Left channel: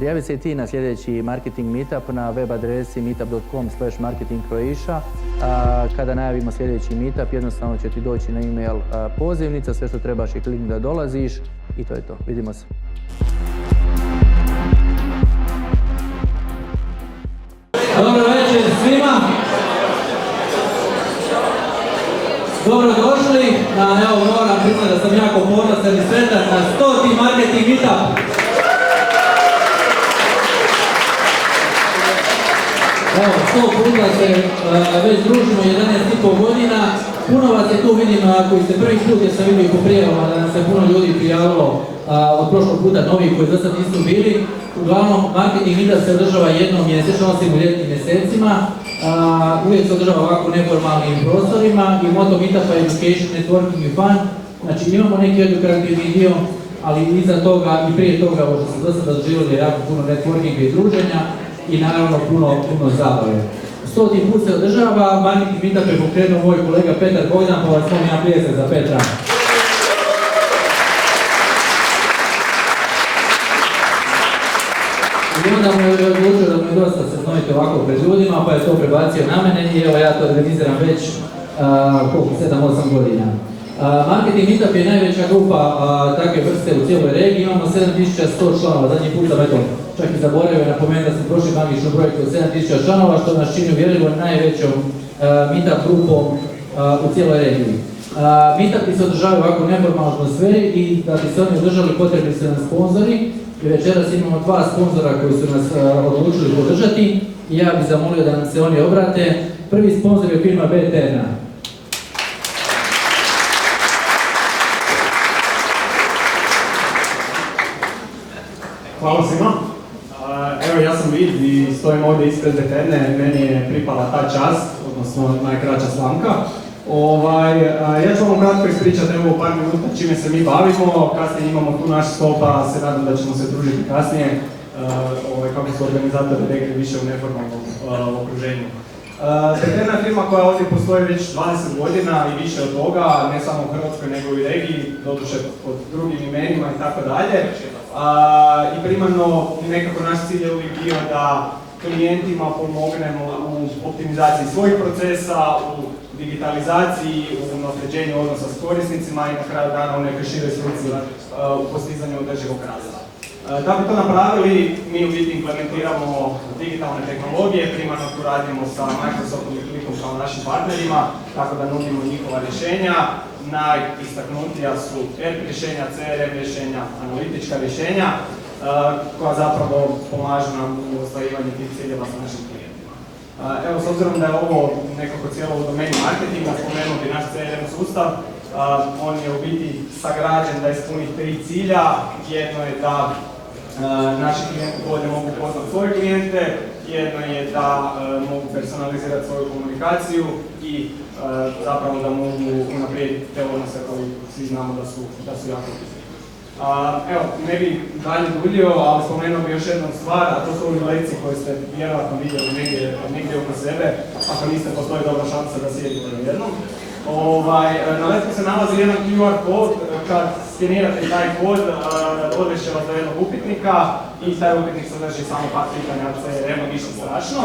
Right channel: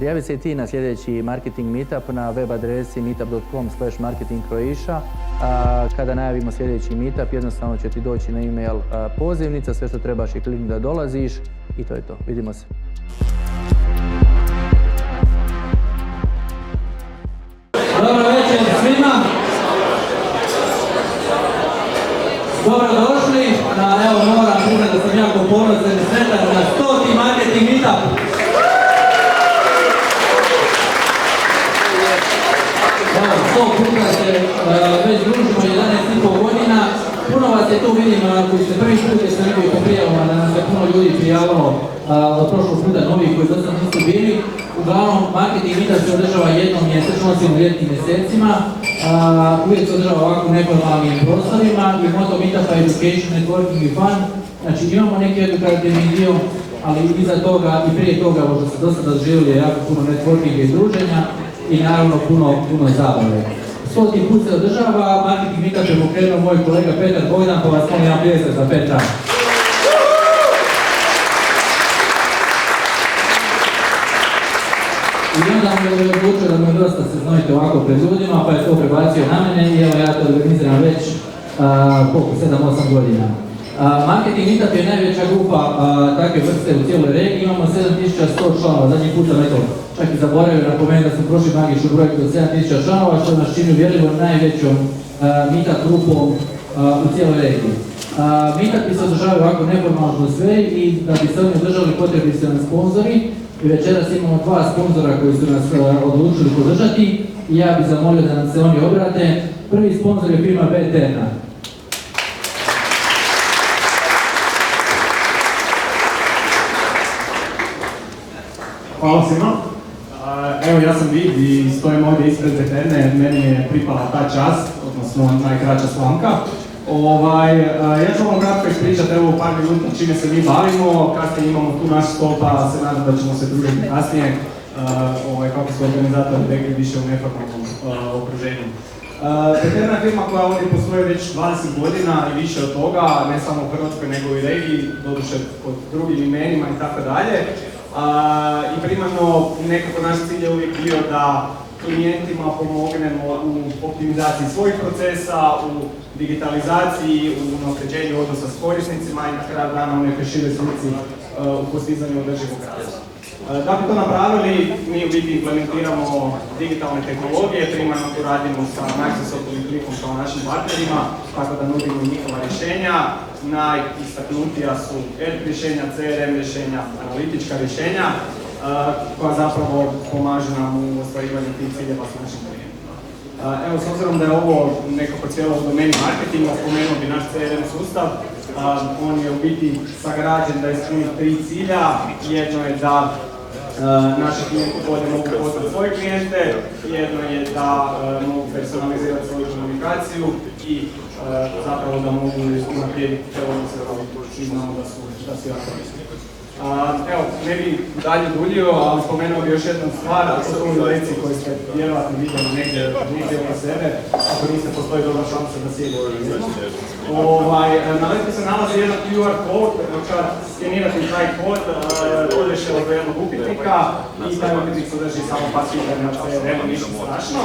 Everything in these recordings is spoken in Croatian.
Prijavi se i ti na sljedeći marketing meetup na web adresi meetup.com/marketingcroatia. Kada najavimo sljedeći meetup, jednostavno će ti doći na email pozivnica, sve što trebaš je kliknuti da dolaziš i to je to. Vidimo se. Dobro večer svima. Dobrodošli na, evo moram priznati da sam jako ponosan i sretan na 100. marketing meetup. Evo, 100 puta se već družimo 11,5 godina. Puno vas je tu, vidim, koji ste prvi put jer sam vidio po prijavama da nam se puno ljudi prijavilo od prošlog puta, novih koji do sad nisu bili. Uglavnom, marketing meetup se održava jednom mjesečno, osim u ljetnim mjesecima. Uvijek se održava ovako u neformalnim prostorima i moto meetupa je education, networking i fun. Znači imamo neki edukativni dio, ali iza toga i prije toga možda se do sada doživjeli jako puno networkinga i druženja i naravno puno zabave. 100. put se održava, marketing meetup je pokrenuo moj kolega Petar Bogdan, pa vas molim jedan pljesak za Petra. I onda mu je odlučio da mu je dosta se znojiti ovako pred ljudima, pa je to prebacio na mene i evo ja to organiziram već 7-8 godina. Marketing meetup je najveća grupa takve vrste u cijeloj regiji, imamo 7100 članova, zadnji put sam čak i zaboravio napomenuti da smo prošli magičnu brojku od 7000 članova, što nas čini uvjerljivo najvećom meetup grupom u cijeloj regiji. Meetupi se održavaju ovako u neformalnoj atmosferi i da bi se oni održali potrebni su nam sponzori. I večeras imamo 2 sponzora koji su nas odlučili podržati i ja bih zamolio da nam se oni obrate. Prvi sponzor je firma BTN. Hvala svima. Evo ja sam Vid i stojim ovdje ispred BTN, meni je pripala ta čast, odnosno najkraća slamka. Ja ću vam kratko ispričati evo par minuta čime se mi bavimo, kasnije imamo tu naš stol pa se nadam da ćemo se družiti kasnije, kako su organizatori rekli više u neformalnom okruženju. BTN je firma koja ovdje postoji već 20 godina i više od toga, ne samo u Hrvatskoj nego i regiji, doduše pod drugim imenima i tako dalje. I primarno nekako naš cilj je uvijek bio da klijentima pomognemo u optimizaciji svojih procesa, u digitalizaciji, u unapređenju odnosa s korisnicima i na kraju dana u nekoj široj slici u postizanju održivog rasta. Da bi to napravili, mi u biti implementiramo digitalne tehnologije, primarno tu radimo sa Microsoftom i Clickom kao našim partnerima, tako da nudimo njihova rješenja. Najistaknutija su ERP rješenja, CRM rješenja, analitička rješenja, koja zapravo pomažu nam u ostvarivanju tih ciljeva s našim klijentima. Evo, s obzirom da je ovo nekako cijelo u domeni marketinga, spomenuo bi naš CRM sustav. On je u biti sagrađen da ispuni 3 cilja. Jedno je da naši klijenti bolje mogu poznati svoje klijente, jedno je da mogu personalizirati svoju komunikaciju i zapravo da mogu unaprijediti te odnose koji svi znamo da su jako bitni. Evo, ne bi dalje duljio, ali spomenuo bi još jednu stvar, a to su ovi lekcije koje ste vjerojatno vidjeli negdje oko sebe, ako niste, postoji dobra šansa da sjedite jedno. Na letku se nalazi jedan QR kod, kad skenirate taj kod, odvešće vas do jednog upitnika i taj upitnik sadrži samo par pitanja, nema ništa strašno.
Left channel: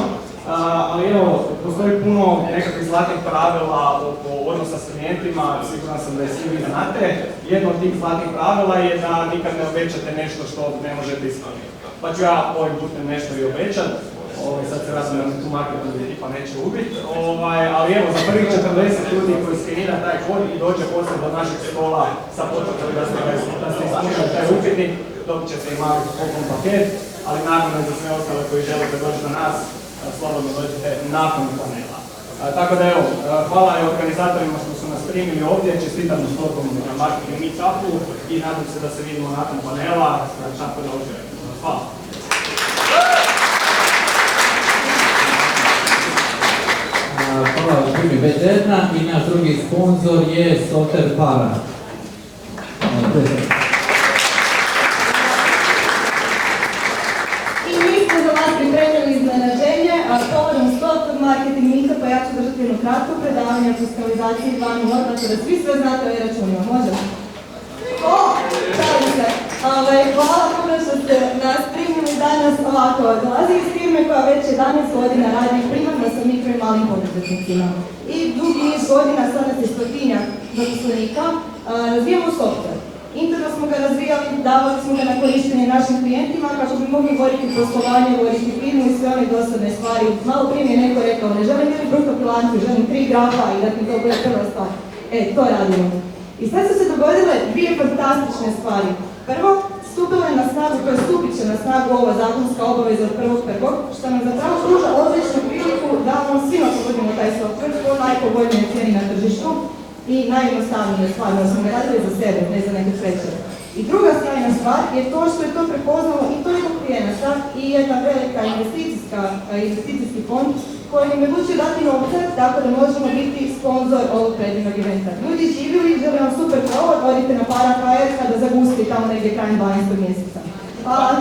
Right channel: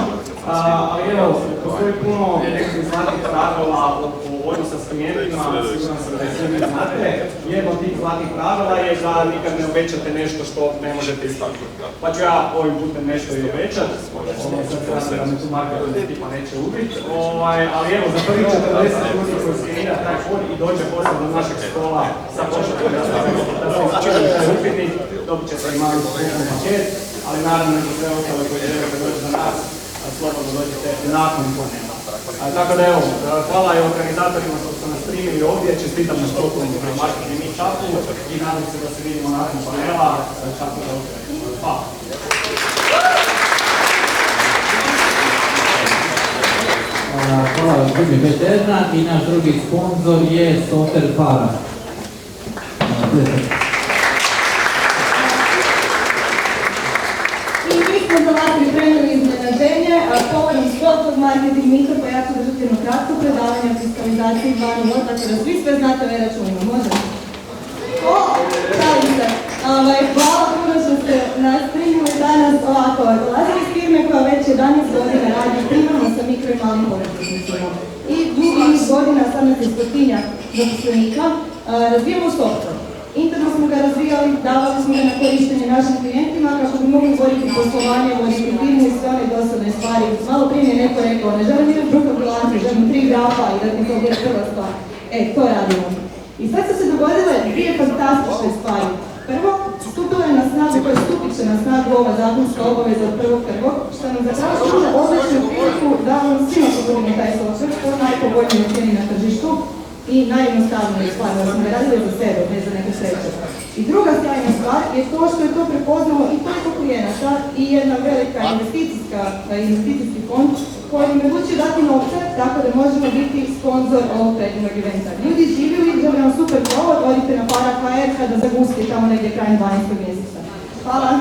Ali evo, postoji puno nekakvih zlatnih pravila oko odnosa s klijentima, siguran sam da je sve vi znate. Jedno od tih zlatnih pravila je da nikad ne obećate nešto što ne možete ispuniti. Pa ću ja ovim putem nešto i obećat. Sad se vas nam tu marker od tipa neće ubit. Ali evo, za prvih 40 ljudi koji skenira taj kod i dođe poslije do našeg stola sa poštom da se ispuniti taj upitnik, dobit ćete i mali paket, ali naravno za sve ostale koji želite doći do nas, slobodno dođete nakon panela. Tako da evo, hvala i organizatorima što su nas primili ovdje, čestitamo stokom na marketing meetupu i nadam se da se vidimo nakon panela. Tako da hvala. Hvala drugi Veterna i naš drugi sponsor je Soter Para. I mi smo za vas pripremili iznenađenje, povodom 100. marketing meetupa ja ću držati jedno kratko predavanje o fiskalizaciji 2.0, tako da svi sve znate o e-računima, može? Šalim se. Hvala puno što ste nas primili danas ovako, dolazim iz firme koja već 11 godina radi primarno sa mikro i malim poduzetnicima. I dugi niz godina, sad nas je 100-tinjak zaposlenika, razvijamo software. Interno smo ga razvijali, davali smo ga na korištenje našim klijentima kako bi mogli voditi poslovanje, voditi firmu i sve one dosadne stvari. Malo prije mi je neko rekao, ne želim imati bruto bilancu, želim 3 grafa i da mi to bude prva stvar. To radimo. I sad su se dogodile dvije fantastične stvari. Prvo, stupila je na snagu, koja stupit će na snagu ova zakonska obaveza od 1.1. što nam zapravo pruža odličnu priliku da vam svima pogodimo taj software po najpovoljnijoj cijeni na tržištu i najjednostavnije stvari, da smo ga radili za sebe, ne za neke sreće. I druga sjajna stvar je to što je to prepoznalo i toliko klijenata i jedna velika investicijski fond koji im je odlučio dati novce tako da možemo biti sponzor ovog predivnog eventa. Ljudi živjeli, želim vam super provod, odite na para.hr kada zagusti tamo negdje krajem 12. mjeseca. Hvala!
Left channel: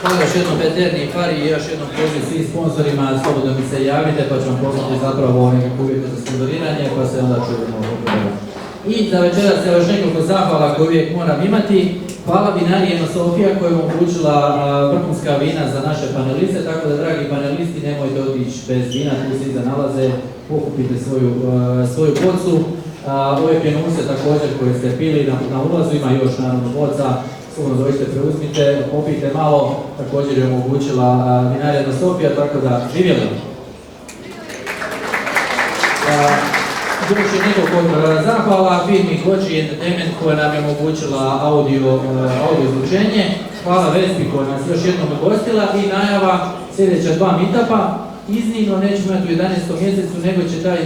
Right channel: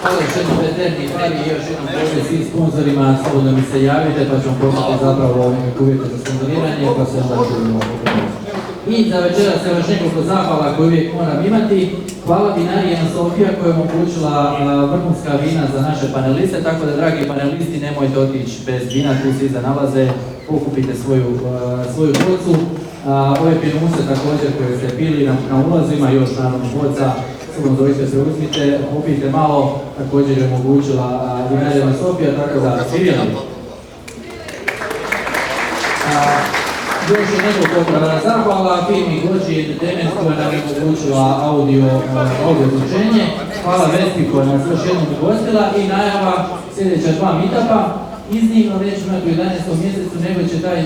Hvala još jednom Peterni i Fari i još jednom poziv svim sponzorima, slobodno mi se javite pa ću vam ponuditi zapravo nekakve uvjete za sponzoriranje pa se onda čujemo. I za večeras je još nekoliko zahvala koje uvijek moram imati. Hvala vinariji Sofija koja je omogućila vrhunska vina za naše paneliste, tako da dragi panelisti nemojte otići bez vina, tu se iza nalaze, pokupite svoju bocu. Ove pjenuse također koje ste pili na ulazu ima još naravno boca. Sigurno zovite se, uzmite, popijte malo, također je omogućila vinarija Sofija, tako da živjela. Još je nekoliko zahvala firmi Goji Entertainment koja nam je omogućila audio zvučenje. Hvala Vespi koja nas još jednom ugostila i najava sljedeća 2 meetupa. Iznimno nećemo imati u 11. mjesecu, nego će taj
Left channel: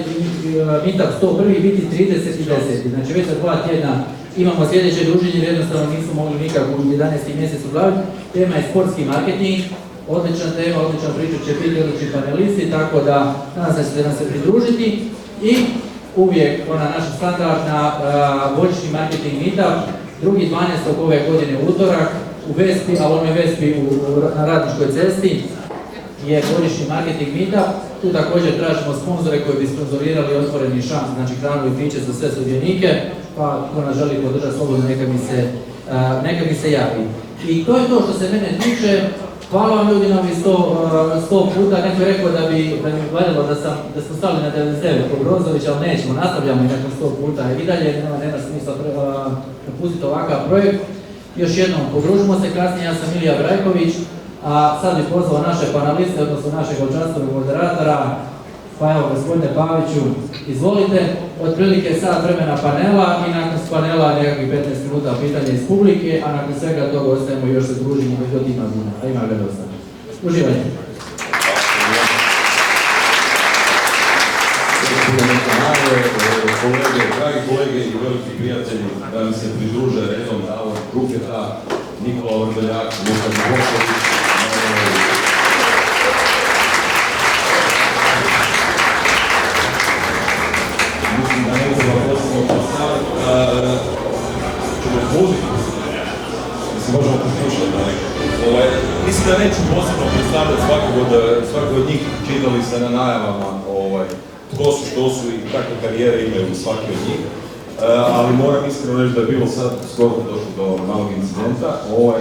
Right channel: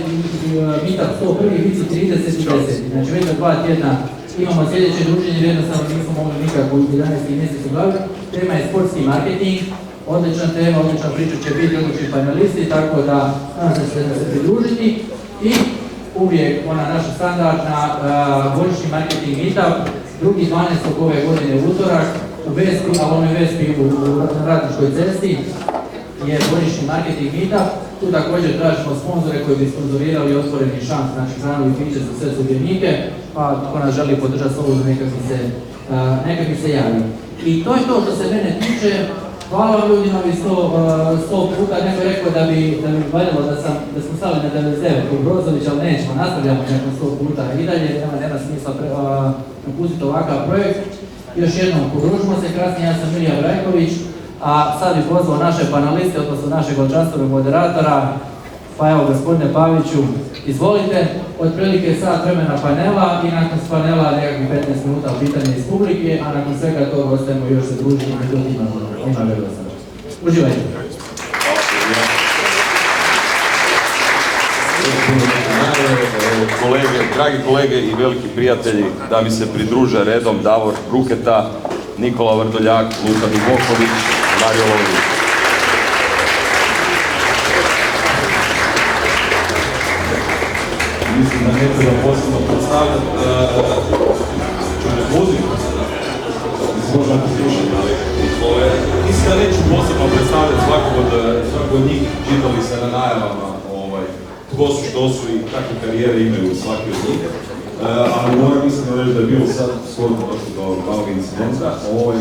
meetup 101. biti 30 i 10. Znači već za 2 tjedna imamo sljedeće druženje jer jednostavno nismo mogli nikako u 11. mjesecu obaviti. Tema je sportski marketing. Odlična tema, odlična priča će biti, odlični panelisti, tako da nadam se ćete nam se pridružiti. I uvijek ona naša standardna božićni marketing meetup, 2.12. ove godine u utorak u Vespi, a onoj Vespi na Ratničkoj cesti je božićni marketing meetup. Tu također tražimo sponzore koji bi sponzorirali otvoreni šans, znači hranu i piće za sve sudionike, pa ako nas želi podržati slobodno neka mi se javi. I to je to što se mene tiče. Hvala vam ljudi na ovih 100 puta, neko je rekao da bi valjalo da smo stali na 99 kao Brozović, ali nećemo, nastavljamo nekako 100 puta i dalje, nema smisla napustiti ovakav projekt. Još jednom, pogružimo se kasnije, ja sam Ilija Brajković, a sad bih pozvao naše paneliste, odnosno našeg častovnog moderatora, pa evo gospodine Paviću, izvolite, otprilike sat vremena panela i nakon panela nekakvih 15 minuta pitanja iz publike, a nakon svega toga ostajemo još se družimo i to ima ga dosta. Uživajte. Dragi kolege i veliki prijatelji, da mi se pridruže redom Davor Bruketa, Nikola Vrdoljak, Luka Bivoković, Mario Lović. Mislim da ne treba posebno postavljati, mislim možemo poslušati. Mislim da neću posebno predstavljati svakog od njih, čitali se na najavama tko su, što su i kakve karijere imaju svaki od njih. Ali moram iskreno reći da je bilo sad skoro došlo do malog incidenta,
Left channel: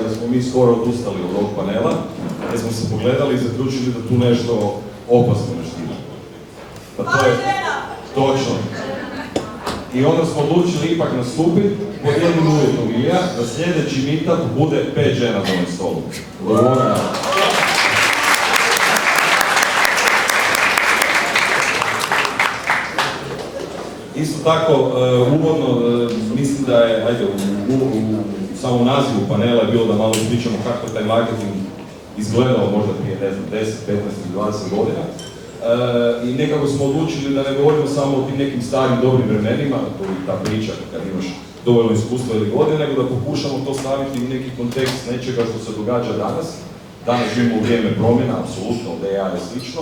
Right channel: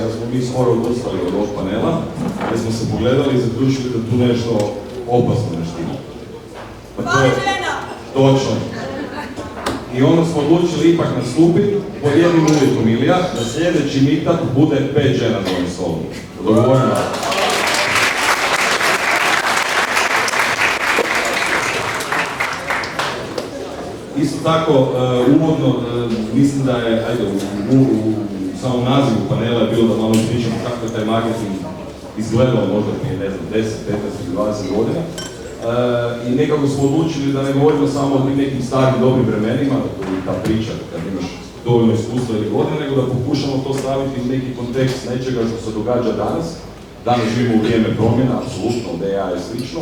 da smo mi skoro odustali od ovog panela, jer smo se pogledali i zaključili da tu nešto opasno ne štima. Pa to je točno. I onda smo odlučili ipak nastupiti pod jednim uvjetom, Ilija, da sljedeći meetup bude 5 žena za ovim stolom. Dogovorimo. Isto tako, uvodno, mislim da je, u samom nazivu panela je bilo da malo pričamo kako je taj marketing izgledao možda prije, ne znam, 10, 15 ili 20 godina. I nekako smo odlučili da ne govorimo samo o tim nekim starim dobrim vremenima, ta priča kad imaš dovoljno iskustva ili godine, nego da pokušamo to staviti u neki kontekst nečega što se događa danas. Danas živimo u vrijeme promjena, apsolutno, da je slično.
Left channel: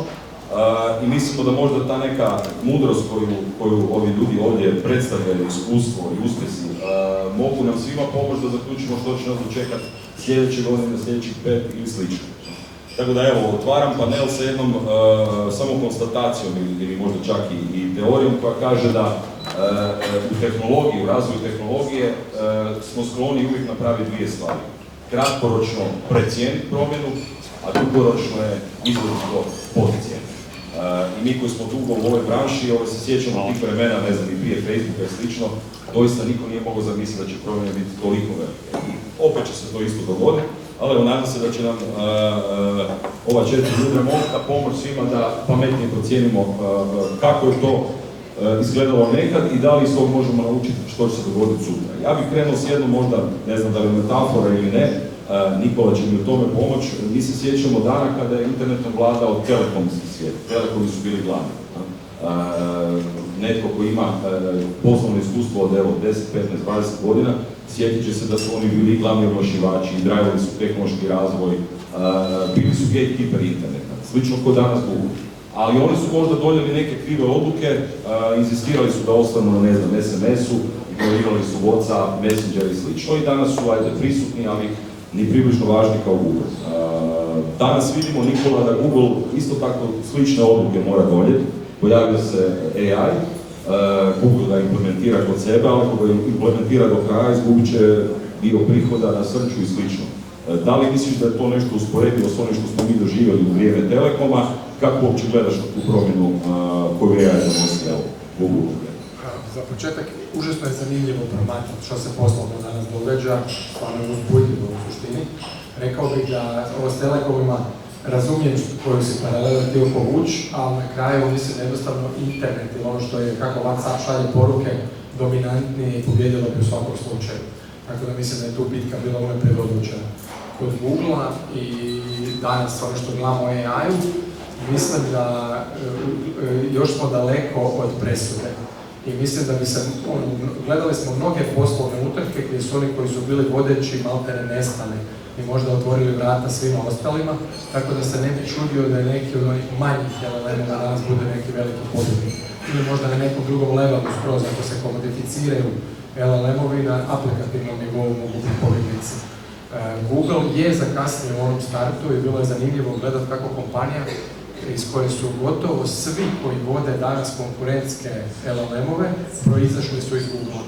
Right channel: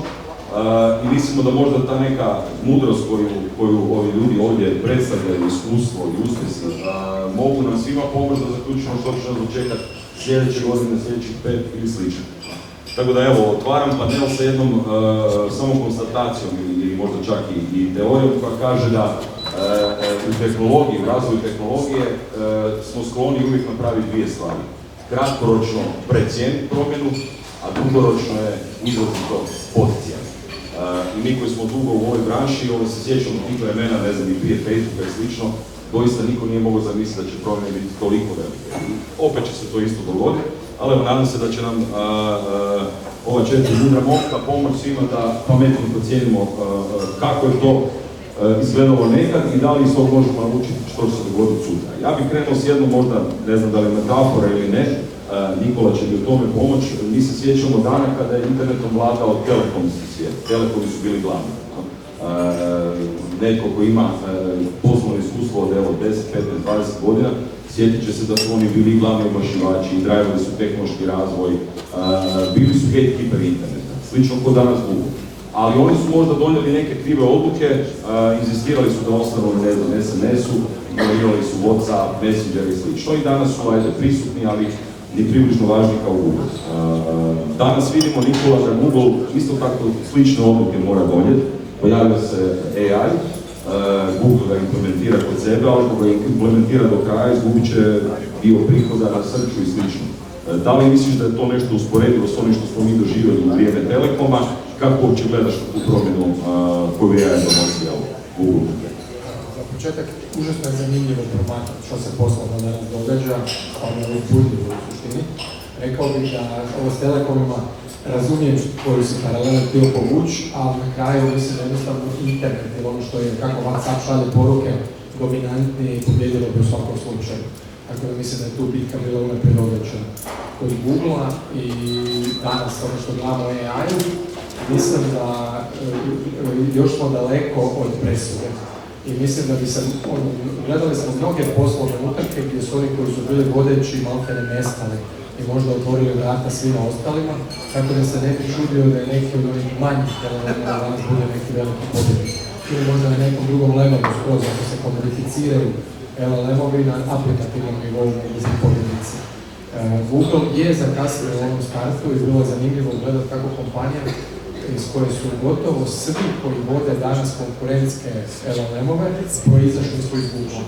I mislimo da možda ta neka mudrost koju ovi ljudi ovdje predstavljaju, iskustvo i uspjesi, mogu nam svima pomoći da zaključimo što će nas dočekati sljedeće godine, sljedećih 5 ili slično. Tako da evo, otvaram panel sa jednom samo konstatacijom ili možda čak i teorijom koja kaže da u tehnologiji, u razvoju tehnologije smo skloni uvijek napraviti dvije stvari. Kratkoročno precijeniti promjenu, a dugoročno je izvoditi to podcijeniti. I mi koji smo dugo u ovoj branši, se sjećamo tih vremena, ne znam, i prije Facebooka i slično, doista niko nije mogao zamisliti da će promjene biti toliko velike. I opet će se to isto dogoditi, ali evo, nadam se da će nam ova 4 mudra momka pomoći svima da pametnije procijenimo kako je to izgledalo nekad i da li iz tog možemo naučiti što će se dogoditi sutra. Ja bih krenuo s jednom možda, ne znam da li je metafora ili ne, Nikola će mi u tome pomoći. Mi se sjećamo dana kada je internetom vladao telekomski svijet. Telekomi su bili glavni. Netko ko ima poslovno iskustvo od 10, 15, 20 godina, sjetit će se da su oni bili glavni oglašivači, izgradili su tehnološki razvoj, bili su gatekeeper interneta, slično kao danas Google. Ali oni su možda donijeli neke krive odluke, inzistirali su da ostanu na, ne znam, SMS-u, ignorirali su WhatsApp, Messenger i slično. I danas su prisutni, ali ni približno važni kao Google. Danas vidimo, Nikola, da Google isto tako slične odluke mora donijeti. Pojavio se AI, Google ga implementira kod sebe, ali ako ga implementira do kraja, izgubit će dio prihoda na searchu i slično. Da li misliš da je to nešto usporedivo s onim što smo mi doživjeli u vrijeme Telekoma? Kako uopće gledaš na tu promjenu koju je donosio Google? Za početak, užasno je zanimljivo promatrati što se poslovno danas događa, stvarno je uzbudljivo u suštini. Rekao bih da ovo s Telekomima razumijem koju se paralele htio povući, ali na kraju mislim jednostavno internet ili ono što je kako WhatsApp šalje poruke dominantnije i pobjedilo bi u svakom slučaju. Tako da mislim da je tu bitka bila unaprijed odlučena. Kod Google-a i danas ono što gledamo o AI-u, mislim da još smo daleko od presude. I mislim da bi se, gledali smo mnoge poslovne utrke gdje su oni koji su bili vodeći maltene nestali i možda otvorili vrata svima ostalima, tako da se ne bi čudio da je neki od onih manjih LLM-ova danas bude neki veliki pobjednik. Ili možda na nekom drugom levelu skroz, ako se komodificiraju LLM-ovi na aplikativnom nivou mogu se pobjednici. Google je zakasnio u ovom startu i bilo je zanimljivo gledati kako kompanija iz koje su gotovo svi koji vode danas konkurentske LLM-ove proizašli su iz Google.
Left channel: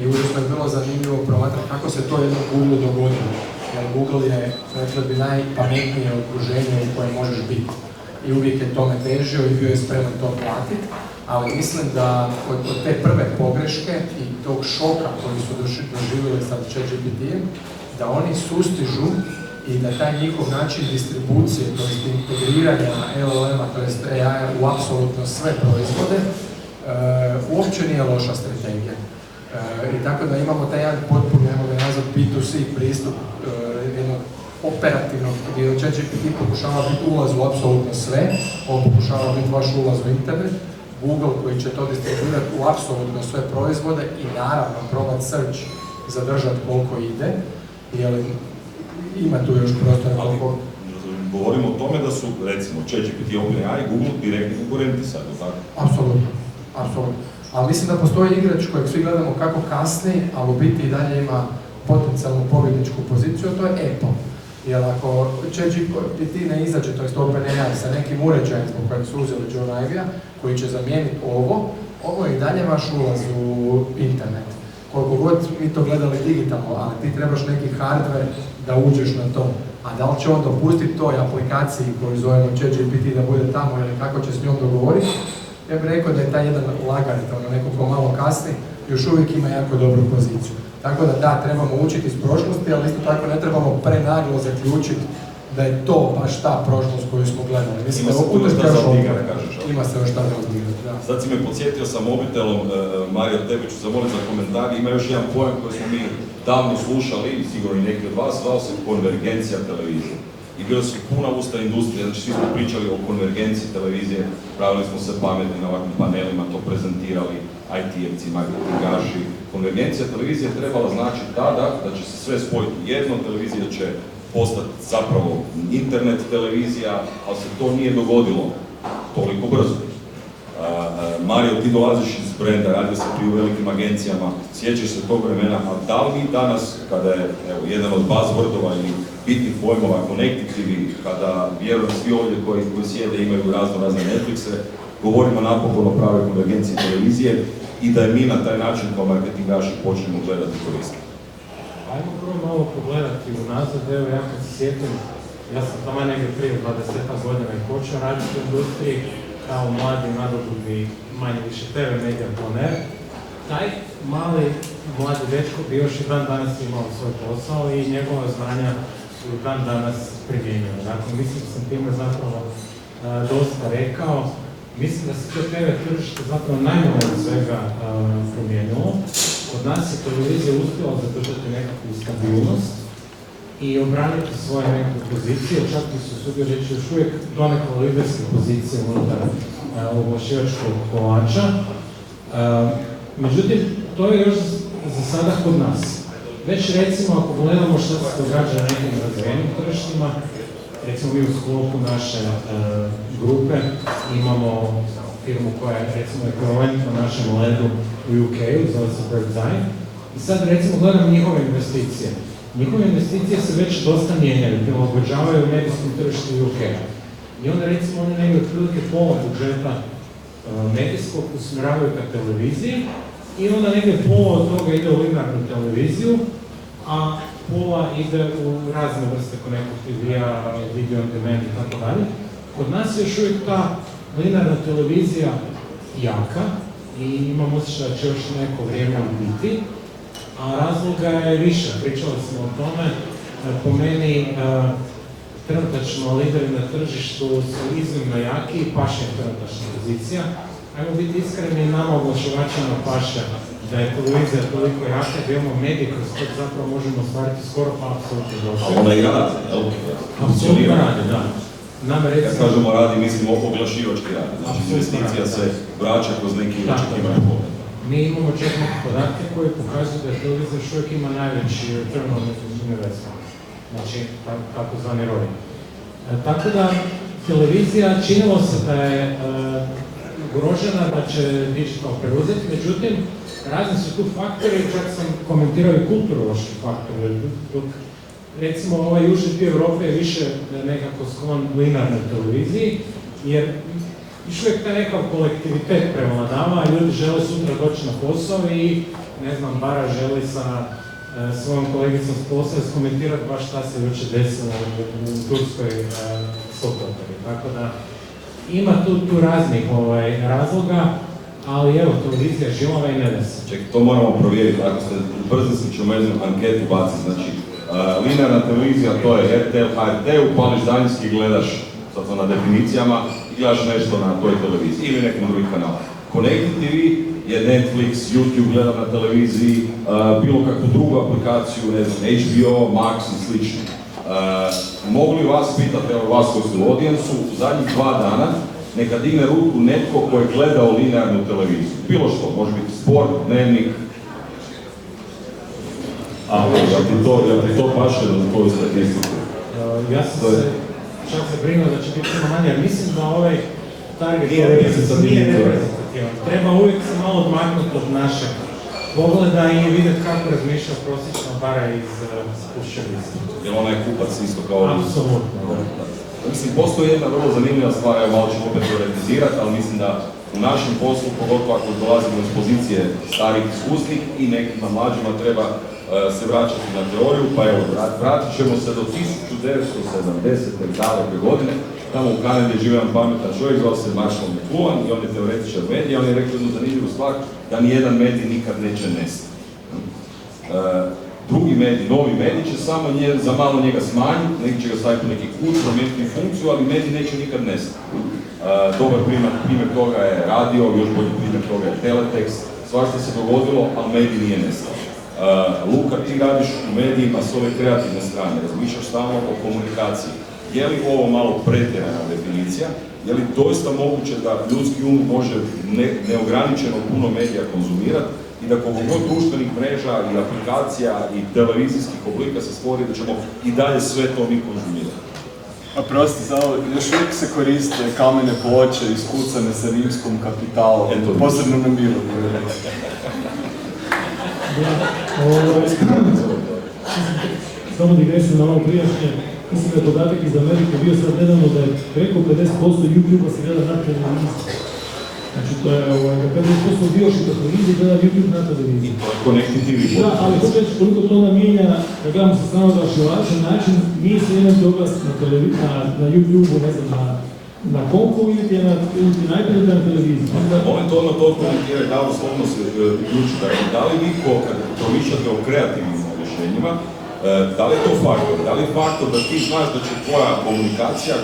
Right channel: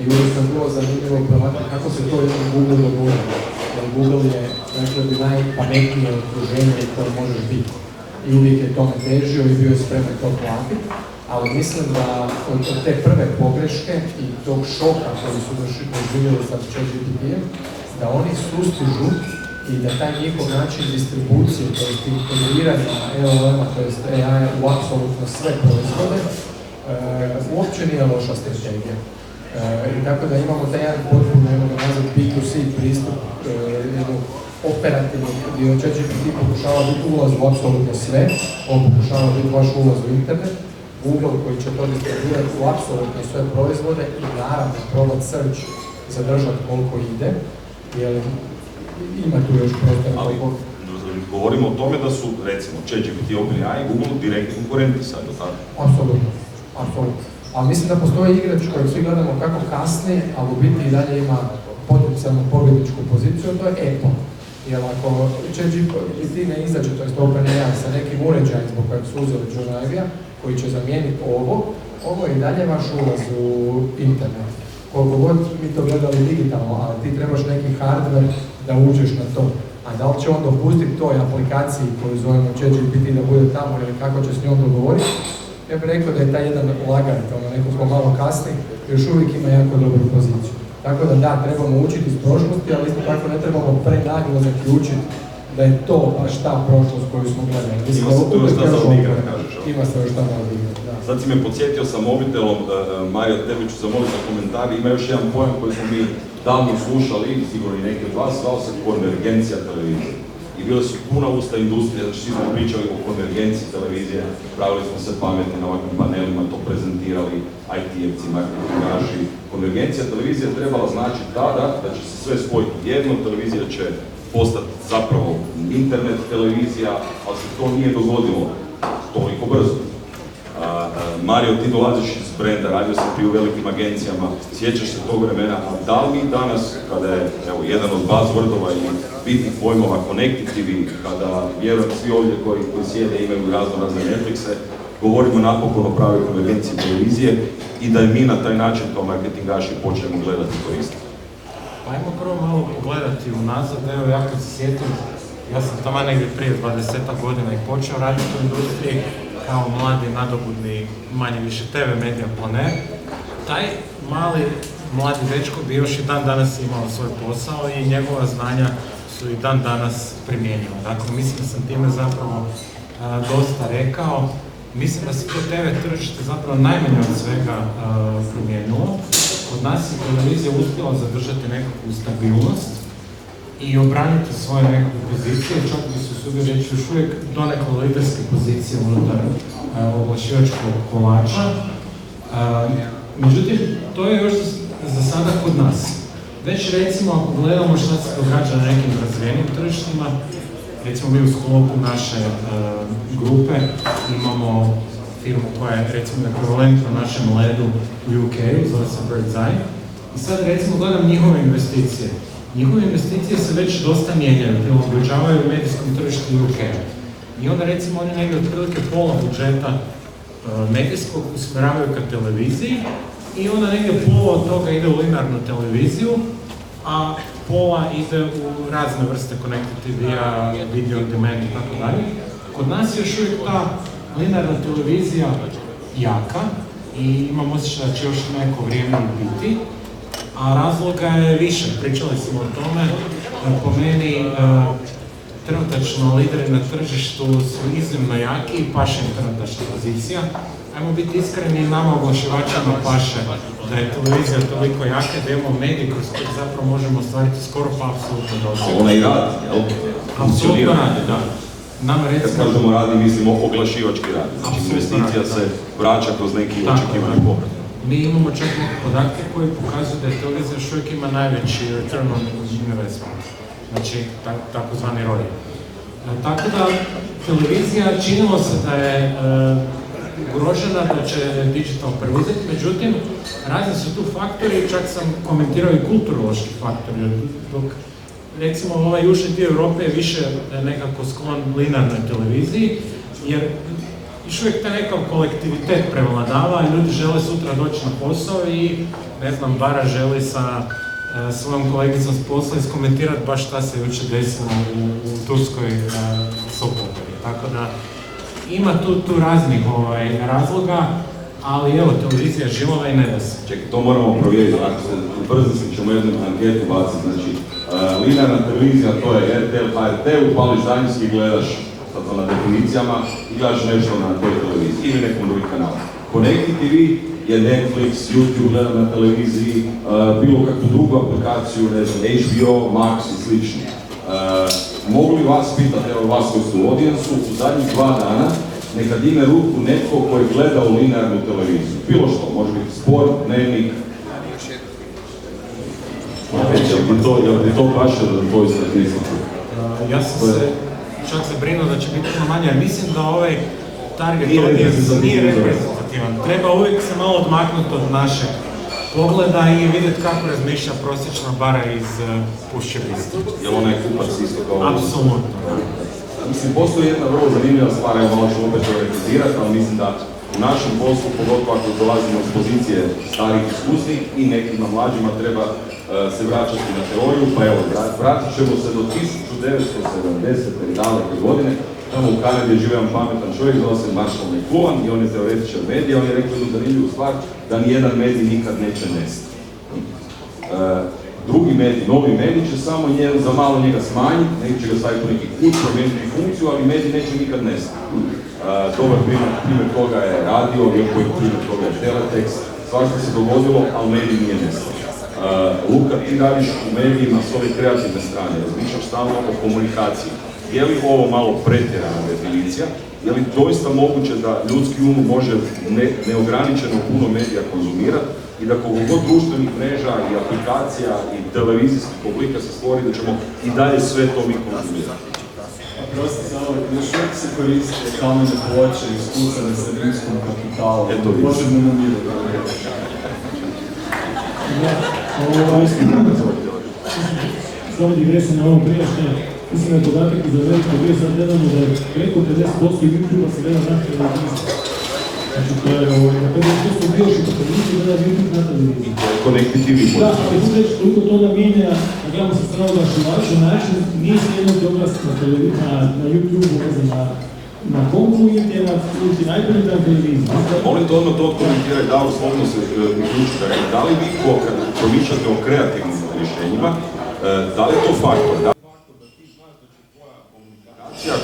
I uvijek je bilo zanimljivo promatrati kako se to jednom Google dogodilo. Jer Google je, rekla bi, najpametnije okruženje u kojem možeš biti. I uvijek je tome težio i bio je spreman to platiti. Ali mislim da od te prve pogreške i tog šoka koji su doživjeli sa ChatGPT-em, da oni sustižu i da taj njihov način distribucije, to jest integriranja LLM-a, to jest AI u apsolutno sve proizvode, uopće nije loša strategija. I tako da imamo taj jedan potpuno, ne mogu nazvati, B2C pristup, jednog operativnog, gdje ChatGPT pokušava biti ulaz u apsolutno sve, on pokušava biti vaš ulaz u internet, Google koji će to distribuirati u apsolutno sve proizvode i naravno probati search zadržati koliko ide, jer ima tu još prostor koliko... Govorimo o tome da su, recimo, ChatGPT, OpenAI i Google direktni konkurenti sad, ili tako? Apsolutno, apsolutno. Ali mislim da postoji igrač kojeg svi gledamo kako kasni, ali u biti i dalje ima potencijalnu pobjedničku poziciju, to je Apple. Jer ako ChatGPT ne izađe, to je OpenAI, sa nekim uređajem zbog kojeg su uzeli John Ivey-a, koji će zamijeniti ovo je i dalje vaš ulaz u internet. Koliko god mi to gledali digitalno, ali ti trebaš neki hardware da uđeš na to. A da li će on dopustiti toj aplikaciji koju zovemo ChatGPT da bude tamo ili kako će s njom dogovoriti, ja bih rekao da je taj jedan lagani, neko ko malo kasni, još uvijek ima jako dobru poziciju. Tako da trebamo učiti iz prošlosti, ali isto tako ne trebamo prenaglo zaključiti da je to baš ta prošlost koju smo gledali. Ima se tu još šta za odigrati, kažeš. Ima se još šta za odigrati, da. Sad si me podsjetio sa mobitelom, Marija, tebi ću zamoliti za komentar. Ima još jedan pojam koji smo mi davno slušali, sigurno i neki od vas, zvao se konvergencija televizije. I bilo su puna usta industrije, znači svi smo pričali o konvergenciji televizije, pravili smo se pametni na ovakvim panelima, to prezentirali IT-evci, marketingaši. Konvergencija televizije trebala značiti tada da će se sve spojiti jedno, televizija će postati zapravo internet televizija, ali se to nije dogodilo toliko brzo. Mario, ti dolaziš iz brenda, radio si pri u velikim agencijama, sjećaš se tog vremena, ali da li mi danas, kada je jedan od buzzwordova ili bitnih pojmova Connected TV, kada vjerujem svi ovdje koji sjede imaju razne Netflixe, govorimo napokon o pravoj konvergenciji televizije, i da je mi na taj način kao marketingaši počnemo gledati i koristiti? Ajmo prvo malo pogledati unazad, evo ja kad se sjetim, ja sam tamo negdje prije 20 godina i počeo raditi u industriji kao mladi, nadobudni, manje više TV medija planer. Taj mladi dečko bi još i dan danas imao svoj posao i njegova znanja su i dan danas primjenjiva. Dakle, mislim da sam time zapravo dosta rekao. Mislim da se to TV tržište zapravo najmanje od svega promijenilo. Od nas je televizija uspjela zadržati nekakvu stabilnost i obraniti svoje nekakve pozicije, čak bi se usudio reći još uvijek donekle liderske pozicije unutar oglašivačkog kolača. Međutim, to je još za sada kod nas. Već recimo, ako gledamo šta se događa na nekim razvijenim tržištima, recimo mi u sklopu naše grupe imamo firmu koja je recimo ekvivalentna našem ledu u UK-u, zove se Bird's Eye. I sad recimo gledam njihove investicije. Njihove investicije se već dosta mijenjaju, prilagođavaju medijskom tržištu u UK-u. I onda recimo oni negdje otprilike pola budžeta medijskog usmjeravaju ka televiziji i onda negdje pola od toga ide u linearnu televiziju, a pola ide u razne vrste connected TV-a, video on demand i tako dalje. Kod nas je još uvijek ta linearna televizija jaka i imam osjećaj da će još neko vrijeme biti, a razloga je više. Pričali smo o tome, po meni trenutačno lideri na tržištu su iznimno jaki i paše im trenutačna pozicija. Ajmo biti iskreni, nama oglašivačima paše da je televizija toliko jaka da imamo medij kroz koji zapravo možemo ostvariti skoro pa apsolutno dosta. A ona i radi, jel? Apsolutno radi, da. Kad kažemo radi, mislimo oglašivački radi. Znači, investicija se vraća kroz neki očekivani povrat. Mi imamo čak podatke koji pokazuju da je televizija još uvijek ima najveći return on investment. Znači, takozvani ROI. Tako da, televizija činilo se da je ugrožena, da će digital preuzeti, međutim, razni su tu faktori, čak sam komentirao i kulturološki faktori. Dok, recimo, ovaj južni dio Europe je više nekako sklon linearnoj televiziji, jer još uvijek taj nekakav kolektivitet prevladava, ljudi žele sutra doći na posao i, ne znam, Bara želi sa svojom kolegicom s posla iskomentirati baš šta se jučer desilo u Turskoj Sokotori. Tako da, ima tu raznih razloga, ali evo, televizija je žilava i ne da se. Čekaj, to moramo provjeriti, ako se brzinski ćemo jednu anketu baciti, znači linearna televizija, to je RTL, HRT, upališ daljinski i gledaš, sad to na definicijama, i gledaš nešto na toj televiziji ili nekom drugi kanal. Connected TV je Netflix, YouTube gledam na televiziji, bilo kakvu drugu aplikaciju, ne znam, HBO, Max i slično. Mogu li vas pitati, evo vas koji su u audijensu, u zadnjih 2 dana, neka digne ruku netko koji je gledao linearnu televiziju. Bilo što, može biti sport, dnevnik. Jel ti to paše da koju statistiku? Ja sam se čak zabrinuo da će biti manje, mislim da ovaj target nije reprezentativan. Treba uvijek se malo odmaknuti od našeg pogleda i vidjeti kako razmišlja prosječna Bara iz Pušćevista. Jel ona je kupac isto kao... Apsolutno. Mislim, postoji jedna vrlo zanimljiva stvar, evo malo ću opet teoretizirati, ali mislim da u našem poslu, pogotovo ako dolazimo iz pozicije starih iskusnih i nekima mlađima treba se vraćati na teoriju, pa evo, vratit ćemo se do 1970. i daleke godine. Tamo u Kanadi je živio pametan čovjek, zvao se Marshall McLuhan i on je teoretičar medija, on je rekao jednu zanimljivu stvar, da nijedan medij nikad neće nestati. Drugi medij, novi medij će samo za malo njega smanjiti, neki će ga staviti u neki kut, promijeniti funkciju, ali medij neće nikad nestati. Dobar primjer toga je radio, još koji primjer toga je teletekst, svašta se dogodilo, ali medij nije nestao. Luka, ti radiš u medijima s ove kreativne strane, razmišljaš stalno o komunikaciji. Je li ovo malo pretjerana definicija? Je li doista moguće da ljudski um može neograničeno puno medija konzumirati i da koliko god društvenih mreža i aplikacija i televizijskih oblika se stvori da ćemo i dalje sve to mi konzumirati? A prosti zavod, još uvijek se koriste kamene ploče iskucane sa rimskom kapitalom, posebno na miru. Samo digresija na ovom prijašnje, mislim da je podatak iz Amerike bio sad nedavno da je preko 50% YouTube-a se gleda naše televizije. Znači, to je, kada je to bio što televizije, gleda YouTube na televiziji. I to je konektivivi. Da, ali to već koliko to namijenja, da gledamo sa strane oglašivača, način nije se jedan oglas na YouTube, ne znam, na kompu ili na iPadu na televiziji. Molim to ono to komentiraj, da li slovno se uključite, da li vi kad promišljate o kreativnim rješenjima, da li je to faktor? Da li je faktor da ti znaš da će tvoja komunikacija,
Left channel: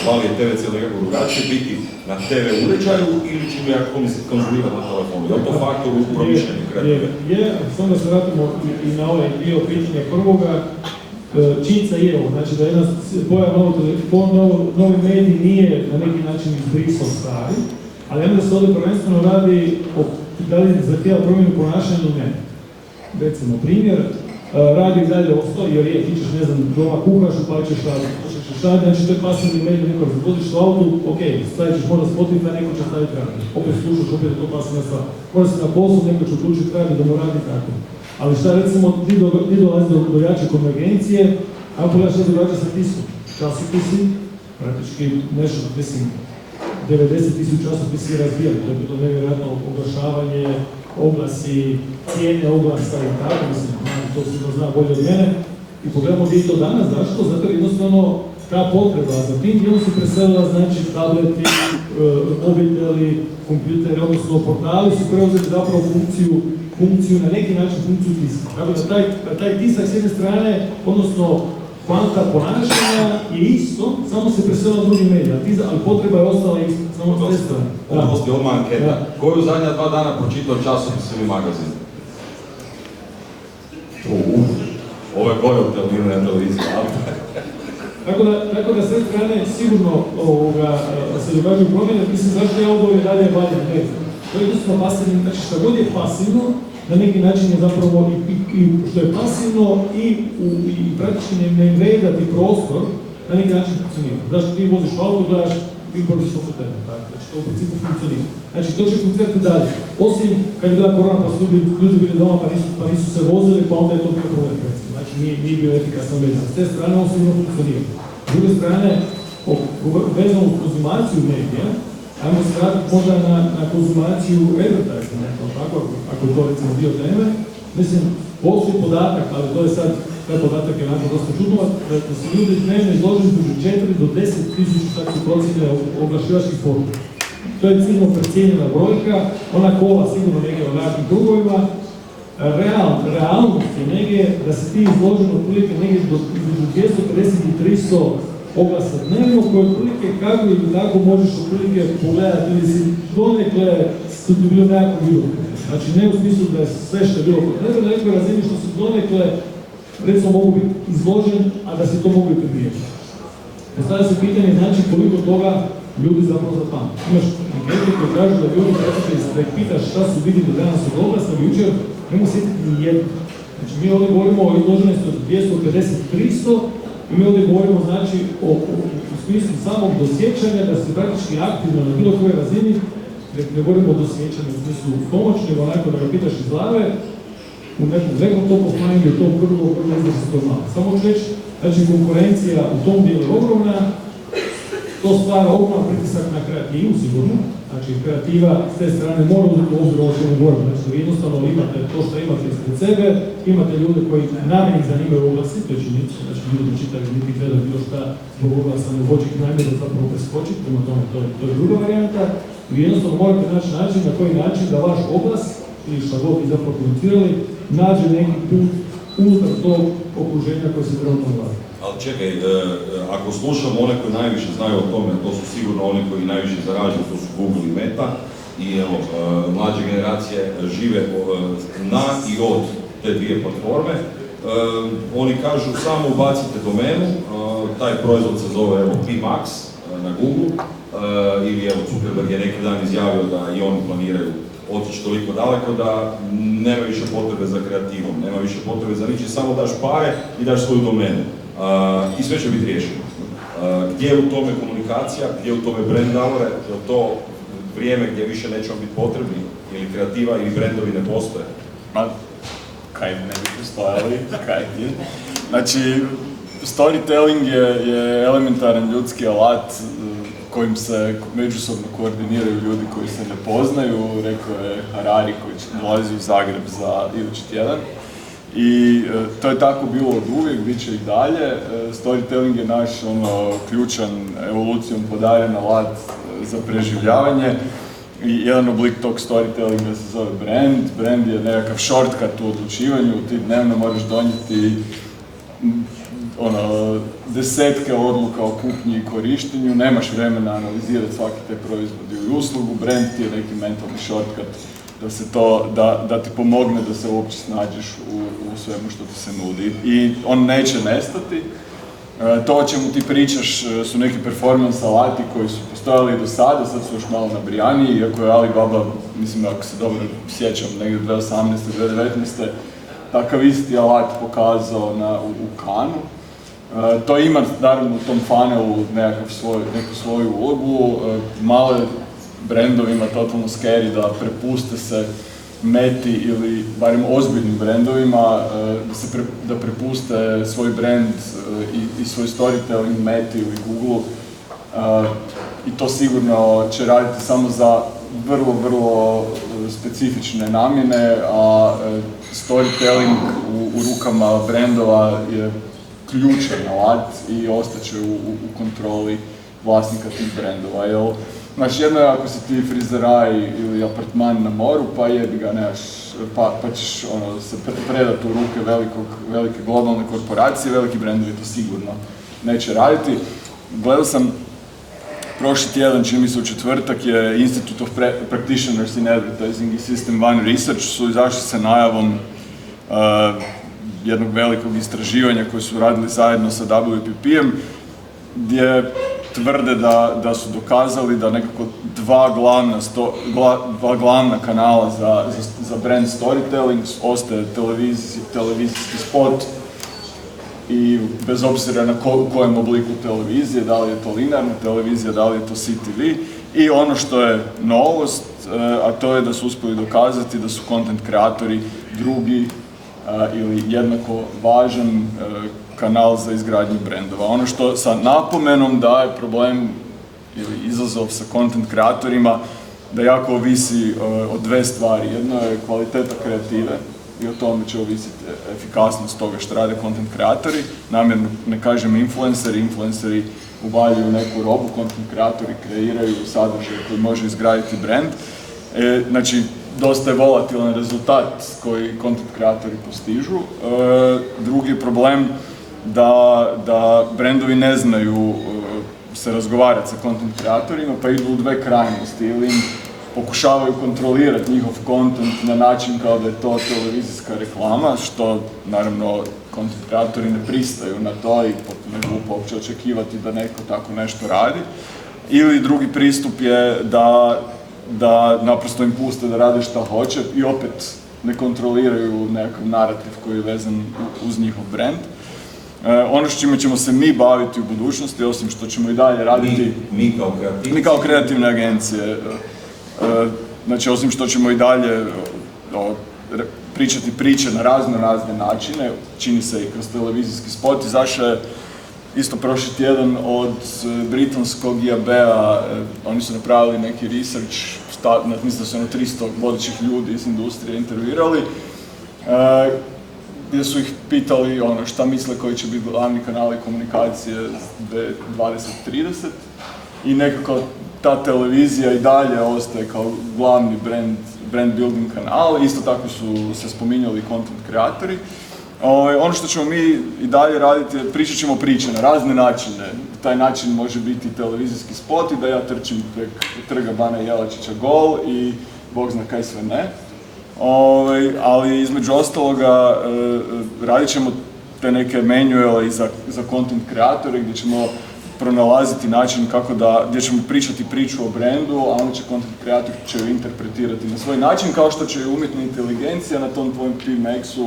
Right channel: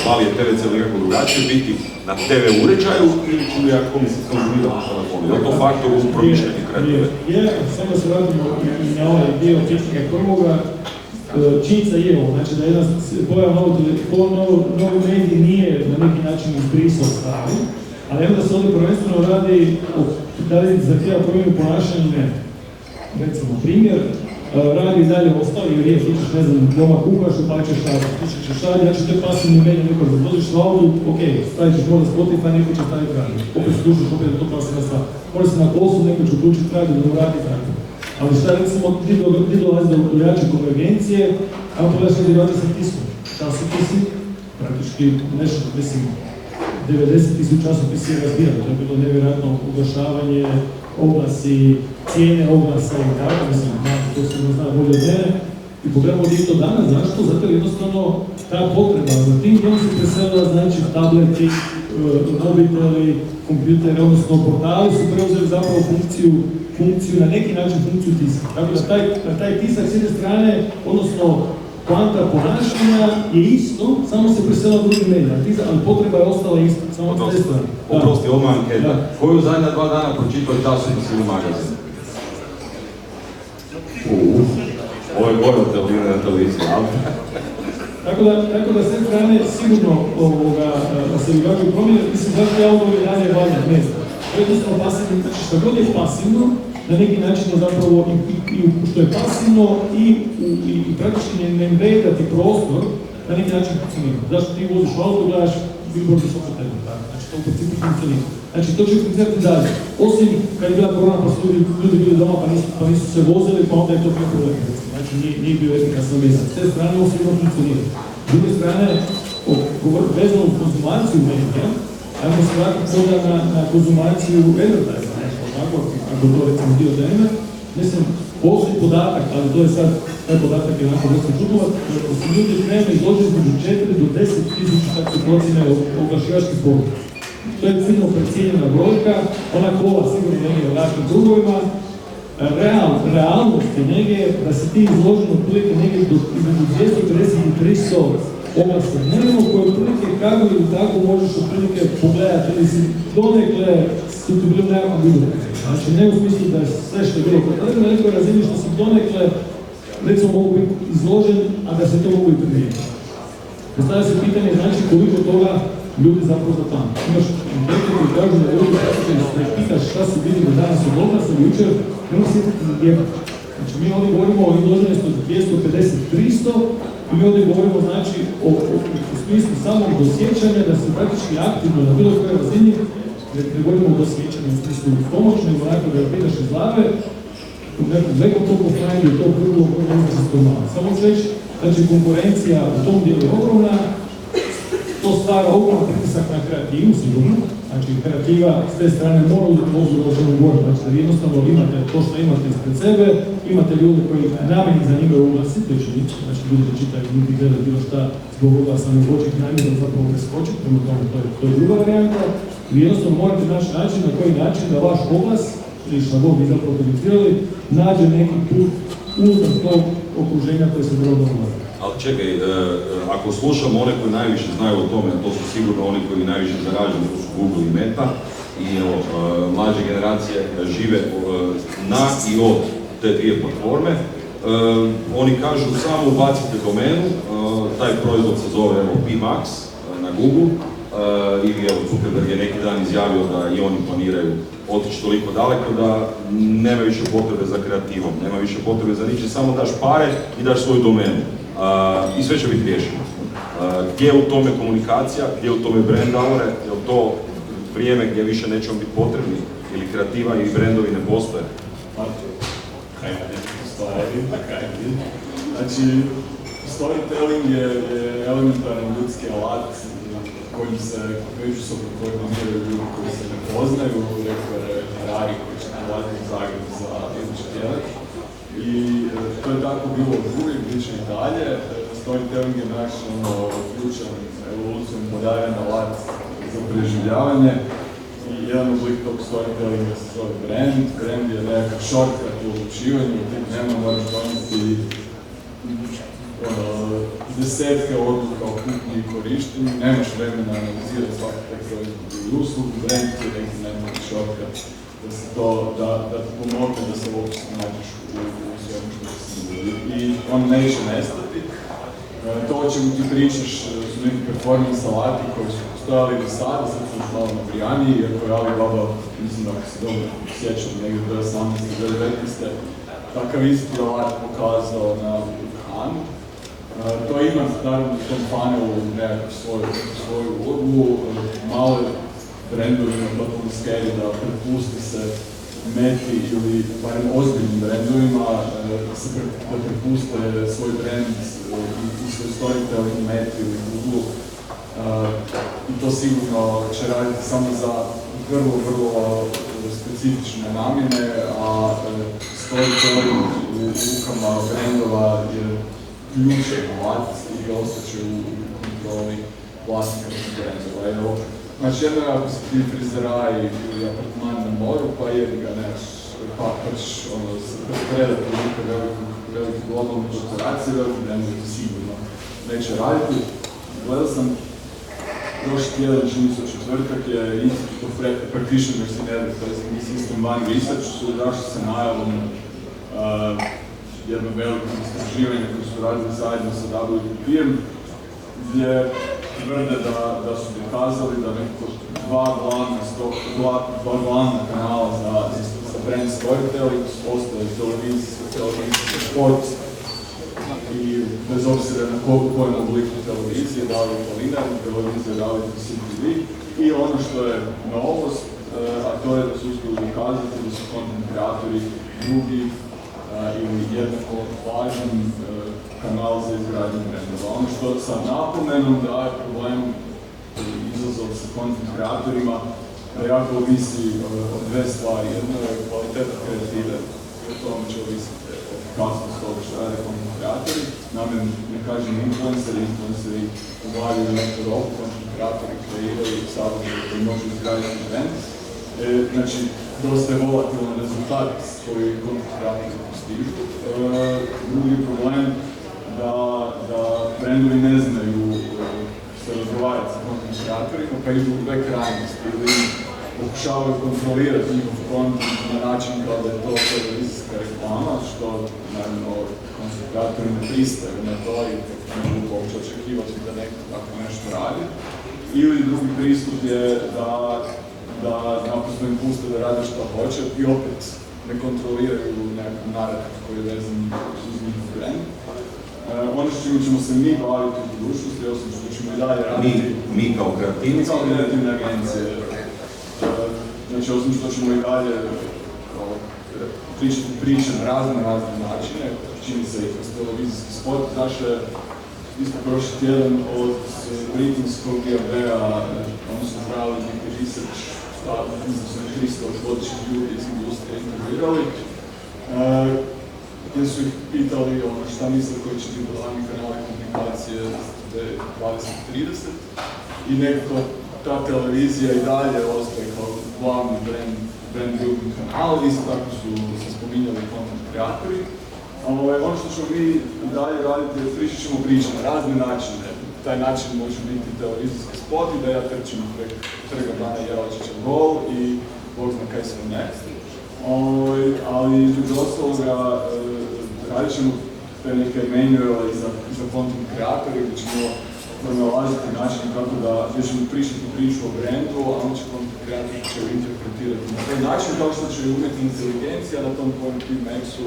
hvali je TVC ili nekako drugačije, biti na TV uređaju ili će ga konzumirati na telefonu? Je li to faktor u promišljanju kreativne? Je, samo da se vratimo i na ovaj dio pitanja prvoga, činjenica je ovo, znači da jedan novi medij nije na neki način izbrisao stvari, ali onda se ovdje prvenstveno radi da li zahtjeva promjenu ponašanja, ne. Recimo, primjer, radi i dalje ostao, jer je slušaš, ne znam, doma kuhaš, upaličeš šalje, znači to je pasivni medij, neko razvoziš u autu, ok, stavit ćeš možda Spotify, neko će staviti radio, opet slušaš, opet to pasivna stvar. Možda se na poslu, neko će uključiti radio da mu radi tako. Ali šta recimo, ti dolazi do jače konvergencije, a pogledaš da ti vraća sa tiskom. Časopisi, praktički nešto, mislim, 90.000 časopisi razvijali, to je bilo nevjerojatno oglašavanje, oglasi, cijene oglasa i tako, mislim, to se zna bolje od mene. I pogledamo gdje je to danas, zašto? Zato jer jednostavno ta potreba za tim djelom se preselila, znači tableti, mobiteli, kompjuteri, odnosno portali su preuzeli zapravo funkciju, na neki način funkciju tiska. Tako da taj tisak s jedne strane, odnosno kvanta ponašanja je isto, samo se preselila drugi medij, ali potreba je ostala isto, samo s te strane. Oprosti, odmah anketa. Koju zadnja 2 dana pročitao časopis ili magazin? Ovo je gore od televizije, ali... Tako da s te strane sigurno se događaju promjene, mislim zašto ja ovo dalje valja, ne znam. To je jednostavno pasivno, znači što god je pasivno, na neki način je zapravo i što je pasivno i praktički ne inveda ti prostor, na neki način funkcionira. Zašto ti voziš u auto, gledaš billboard i što se treba, znači to u principu funkcionira. Znači to će funkcionirati dalje. Osim kad je bila korona pa su ljudi bili doma pa nisu se vozili, pa onda je to bio problem. Znači nije bio efikasan vezan. S te strane ovo sigurno funkcionira. S druge strane, vezano uz konzumaciju medija, ajmo se vratiti možda na konzumaciju advertising, nešto tako, ako to recimo dio teme. Mislim, postoji podatak, ali to je sad, taj podatak je onako dosta čudnovat, da su ljudi dnevno izloženi između 4 do 10.000 tako se procjene oglašivačkih sporuka. To je ciljno precijenjena brojka, ona kola sigurno negdje u našim krugovima. Realnost je negdje da se ti izloženi otprilike negdje između 250 i 300 oglasa dnevno, koje otprilike kako ili tako možeš otprilike pogledati ili si donekle su ti bilo nekako bilo. Znači ne u smislu da je sve što je bilo potrebno, na nekoj razini što si donekle recimo mogu biti izložen, a da se to mogu i primijeti. Postavlja se pitanje znači koliko toga ljudi zapravo zapamte. Imaš neki koji kažu da ljudi da ih pitaš šta su vidjeli danas od oglasa ili jučer, nema se jedno. Znači mi ovdje govorimo o izloženosti od 250-300, i mi ovdje govorimo znači o smislu samog dosjećanja da se praktički aktivno na bilo kojoj razini, ne govorimo o dosjećanju u smislu pomoć, nego onako da ga pitaš iz glave, u nekom to postojanju je to prvo izlazi s to malo. Samo reći, znači konkurencija u tom dijelu je ogromna, to stvara ogroman pritisak na kreativu sigurno, znači kreativa s te strane mora uzeti obzir ovo što mi govorimo, znači da vi jednostavno imate to što imate ispred sebe, imate ljude koji namjeni za njima oglasi, to će nići, znači ljudi to čitaju, ljudi gledaju bilo šta zbog oglasa ne hoće ih namjerno zapravo preskočiti, prema tome to je druga varijanta. Vi jednostavno morate naći način na koji način da vaš oglas, ili što god bi zapravo komunicirali, nađe neki put unutar tog okruženja koje se treba oglasiti. Ali čekaj, ako slušamo one koji najviše znaju o tome, to su sigurno oni koji najviše zaražuju, to su Google i Meta, i evo, mlađe generacije žive na i od te dvije platforme. Oni kažu samo ubacite domenu, taj proizvod se zove PMax na Google, ili evo Zuckerberg je neki dan izjavio da i oni planiraju otići toliko daleko da nema više potrebe za kreativom, nema više potrebe za ničim, samo daš pare i daš svoju domenu. I sve će biti riješeno. Gdje je u tome komunikacija, gdje je u tome brand hour, je to vrijeme gdje više nećemo biti potrebni ili kreativa ili brandovi ne postoje? Ma, kaj ne postojali, kaj ne. Znači, storytelling je elementaran ljudski alat kojim se međusobno koordiniraju ljudi koji se ne poznaju, rekao je Harari koji će nalazi u Zagreb za idući tjedan. I to je tako bilo od uvijek, bit će i dalje. Storytelling je naš ključan, evolucijom podaren alat za preživljavanje. I jedan oblik tog storytellinga se zove brand. Brand je nekakav shortcut u odlučivanju, ti dnevno moraš donijeti desetke odluka o kupnji i korištenju, nemaš vremena analizirati svaki te proizvod ili uslugu. Brand ti je neki mentalni shortcut da ti pomogne da se uopće snađeš u svemu što ti se nudi. I on neće nestati. To o čemu ti pričaš su neki performance alati koji su postojali do sada, sad su još malo nabrijaniji, iako je Alibaba, mislim ako se dobro sjećam, negdje 2018. 2019. takav isti alat pokazao u Cannesu. To ima naravno u tom funnelu neku svoju ulogu, malo brendovima totalno scary da prepuste se Meti ili barem ozbiljnim brendovima, da prepuste svoj brand i svoj storytelling Meti ili Google. I to sigurno će raditi samo za vrlo specifične namjene, a storytelling u rukama brendova je ključan alat i ostaće u kontroli vlasnika tih brendova. Znači jedno je ako si ti frizeraj ili apartman na moru, pa jebi ga nemaš, pa ćeš se predati u ruke velike globalne korporacije, veliki brendovi to sigurno neće raditi. Gledao sam prošli tjedan, čini mi se u četvrtak, je Institute of Practitioners in Advertising i System One Research su izašli sa najavom jednog velikog istraživanja koje su radili zajedno sa WPP-em, gdje tvrde da su dokazali da nekako dva glavna kanala za brand storytelling ostaje televizijski spot i bez obzira na kojem obliku televizije, da li je to linearna televizija, da li je to CTV. I ono što je novost, a to je da su uspjeli dokazati da su content kreatori drugi ili jednako važan kanal za izgradnju brendova. Ono što sa napomenom da je problem, izazov sa content kreatorima, da jako ovisi o dve stvari. Jedno je kvaliteta kreative i o tome će ovisiti efikasnost toga što rade content kreatori. Namjerno ne kažem influenceri uvaljuju neku robu, content kreatori kreiraju sadržaj koji može izgraditi brand. Znači, dosta je volatilan rezultat koji content kreatori postižu. Drugi je problem da brendovi ne znaju se razgovarati sa content kreatorima, pa idu u dve krajnosti ili pokušavaju kontrolirati njihov content na način kao da je to televizijska reklama, što naravno content kreatori ne pristaju na to i ne mogu uopće očekivati da neko tako nešto radi. Ili drugi pristup je da naprosto im puste da rade šta hoće i opet ne kontroliraju nekakav narativ koji je vezan uz njihov brand. Ono s čime ćemo se mi baviti u budućnosti, osim što ćemo i dalje raditi... Mi kao kreativne agencije. Znači, osim što ćemo i dalje pričati priče na razne načine, čini se i kroz televizijski spot, izašao je isto prošli tjedan od britanskog IAB-a, oni su napravili neki research, mislim da su na 300 vodećih ljudi iz industrije intervjuirali, gdje su ih pitali šta misle koji će biti glavni kanali komunikacije 2030 i nekako ta televizija i dalje ostaje kao glavni brand building kanal, isto tako su se spominjali content kreatori. Ono što ćemo mi i dalje raditi je pričat ćemo priče na razne načine. Taj način može biti televizijski spot i da ja trčim prek trga Bana Jelačića gol i Bog zna kaj sve ne. Ali između ostaloga radit ćemo te neke manuale za content kreatore gdje ćemo pronalaziti način gdje ćemo pričati priču o brendu, a onda će content kreator će ju interpretirati na svoj način, kao što će umjetna inteligencija na tom tvojem PMX-u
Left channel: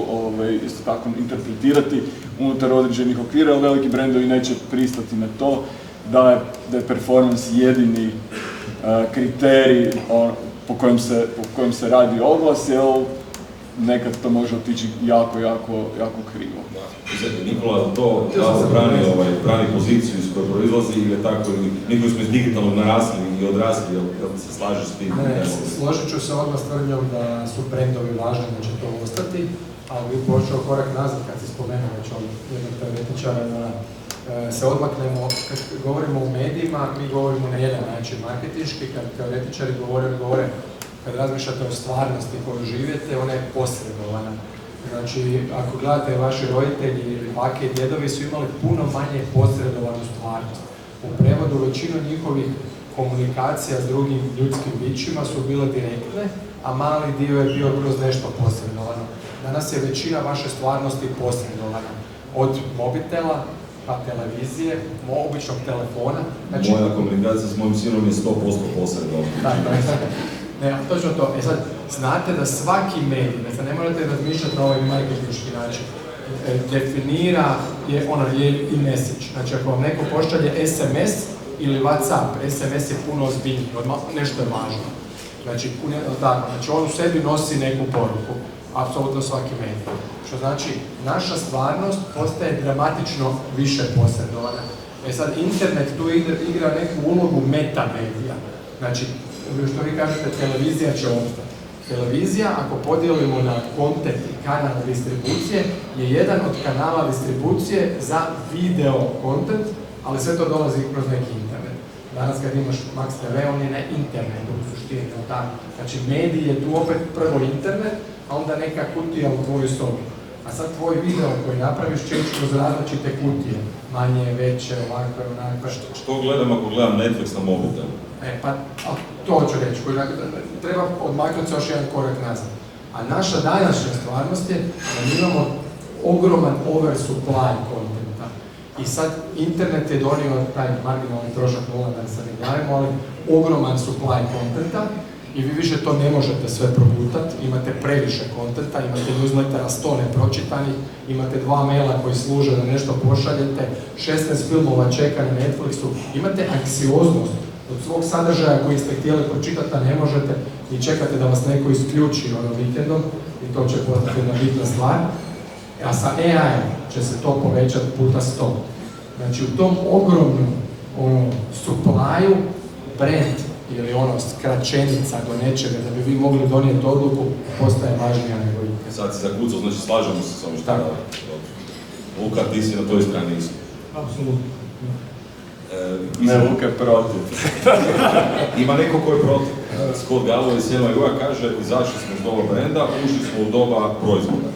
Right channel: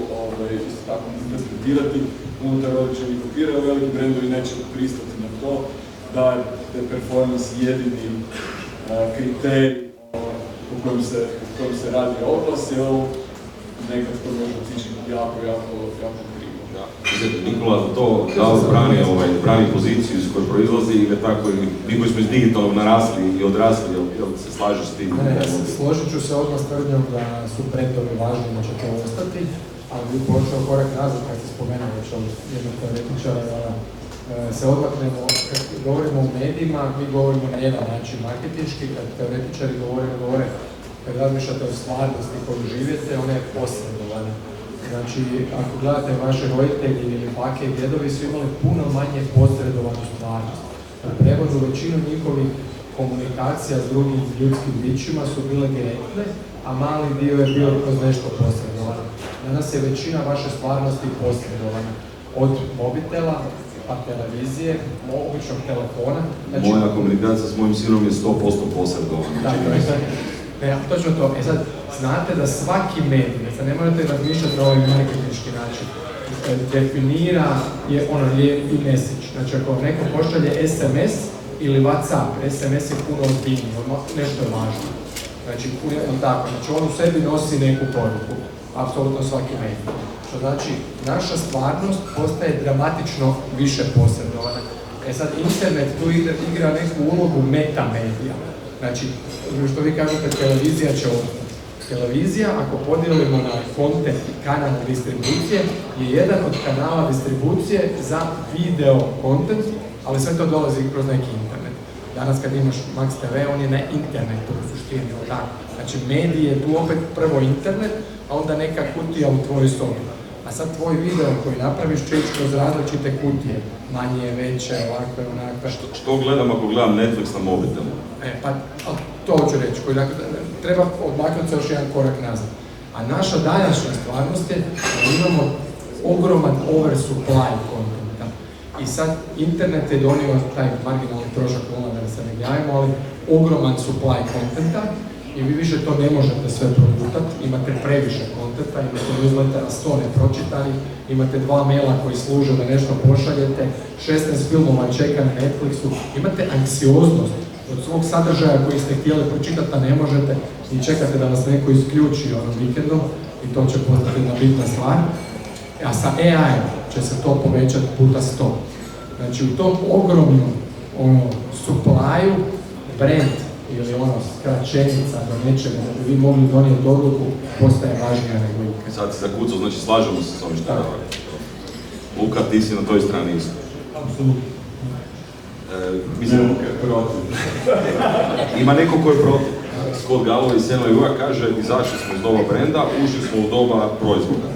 isto tako interpretirati unutar određenih okvira, ali veliki brendovi neće pristati na to da je performance jedini kriterij po kojem se radi oglas, jer nekad to može otići jako krivo. Nikola to brani poziciju iz koje proizlazi ili je tako, mi koji smo iz digitalnog narasli i odrasli, jel se slažeš s tim? Složit ću se odmah s tvrdnjom da su brendovi važni, da će to ostati, ali bi počeo korak nazad kad se spomenuo jednog teoretičara, se odmaknemo, kad govorimo o medijima, mi govorimo na jedan način marketinški, kad teoretičari govore, kad razmišljate o stvarnosti koju živite, ona je posredovana. Znači, ako gledate vaši roditelji ili bake i djedovi su imali puno manje posredovanu stvarnost. U prevodu većinu njihovih komunikacija s drugim ljudskim bićima su bile direktne, a mali dio je bio kroz nešto posredovano. Danas je većina vaše stvarnosti posredovana. Od mobitela, pa televizije, običnog telefona. Znači, moja komunikacija s mojim sinom je 100% posredovana. Ne, točno to. Sad, znate da svaki medij, sad ne morate razmišljati na ovaj marketinški način, definira je i message. Znači, ako vam neko pošalje SMS ili WhatsApp, SMS je puno ozbiljniji, nešto je važno. Znači, on u sebi nosi neku poruku, apsolutno svaki medij. Što znači, naša stvarnost postaje dramatično više posredovana. Sad, internet tu igra neku ulogu metamedija. Znači, što vi kažete, televizija će ostati. Televizija, ako podijelimo na kontent i kanal distribucije, je jedan od kanala distribucije za video kontent, ali sve to dolazi kroz neki internet. Danas kad imaš Max TV, on je na internetu u suštini. Znači, medij je tu opet prvo internet, a onda neka kutija u tvojoj sobi. A sad tvoj video koji napraviš će ići kroz različite kutije, manje, veće, ovakve, onakve. Što gledam ako gledam Netflix na mobitelu? To ću reći, treba odmaknuti se još jedan korak nazad. A naša današnja stvarnost je da imamo ogroman oversupply kontenta. I sad internet je donio taj marginalni trošak nula, da se ne gledamo, ali ogroman supply kontenta i vi više to ne možete sve progutati, imate previše kontenta, imate newslettera 100 nepročitanih, imate 2 maila koji služe da nešto pošaljete, 16 filmova čeka na Netflixu, imate anksioznost od svog sadržaja koji ste htjeli pročitati, a ne možete i čekate da vas neko isključi vikendom i to će postati jedna bitna stvar. A sa AI će se to povećati puta 100. Znači u tom ogromnom supply-u brand ili skraćenica do nečega da bi vi mogli donijeti odluku postaje važnija nego ikad. Sad se zakucao, znači slažemo se s ovim što je. Luka, ti si na toj strani isto. Apsolutno. Mislim, Luka je protiv. Ima neko ko je protiv. Scott Galloway iz NLU-a kaže, izašli smo iz doba brenda, ušli smo u doba proizvoda.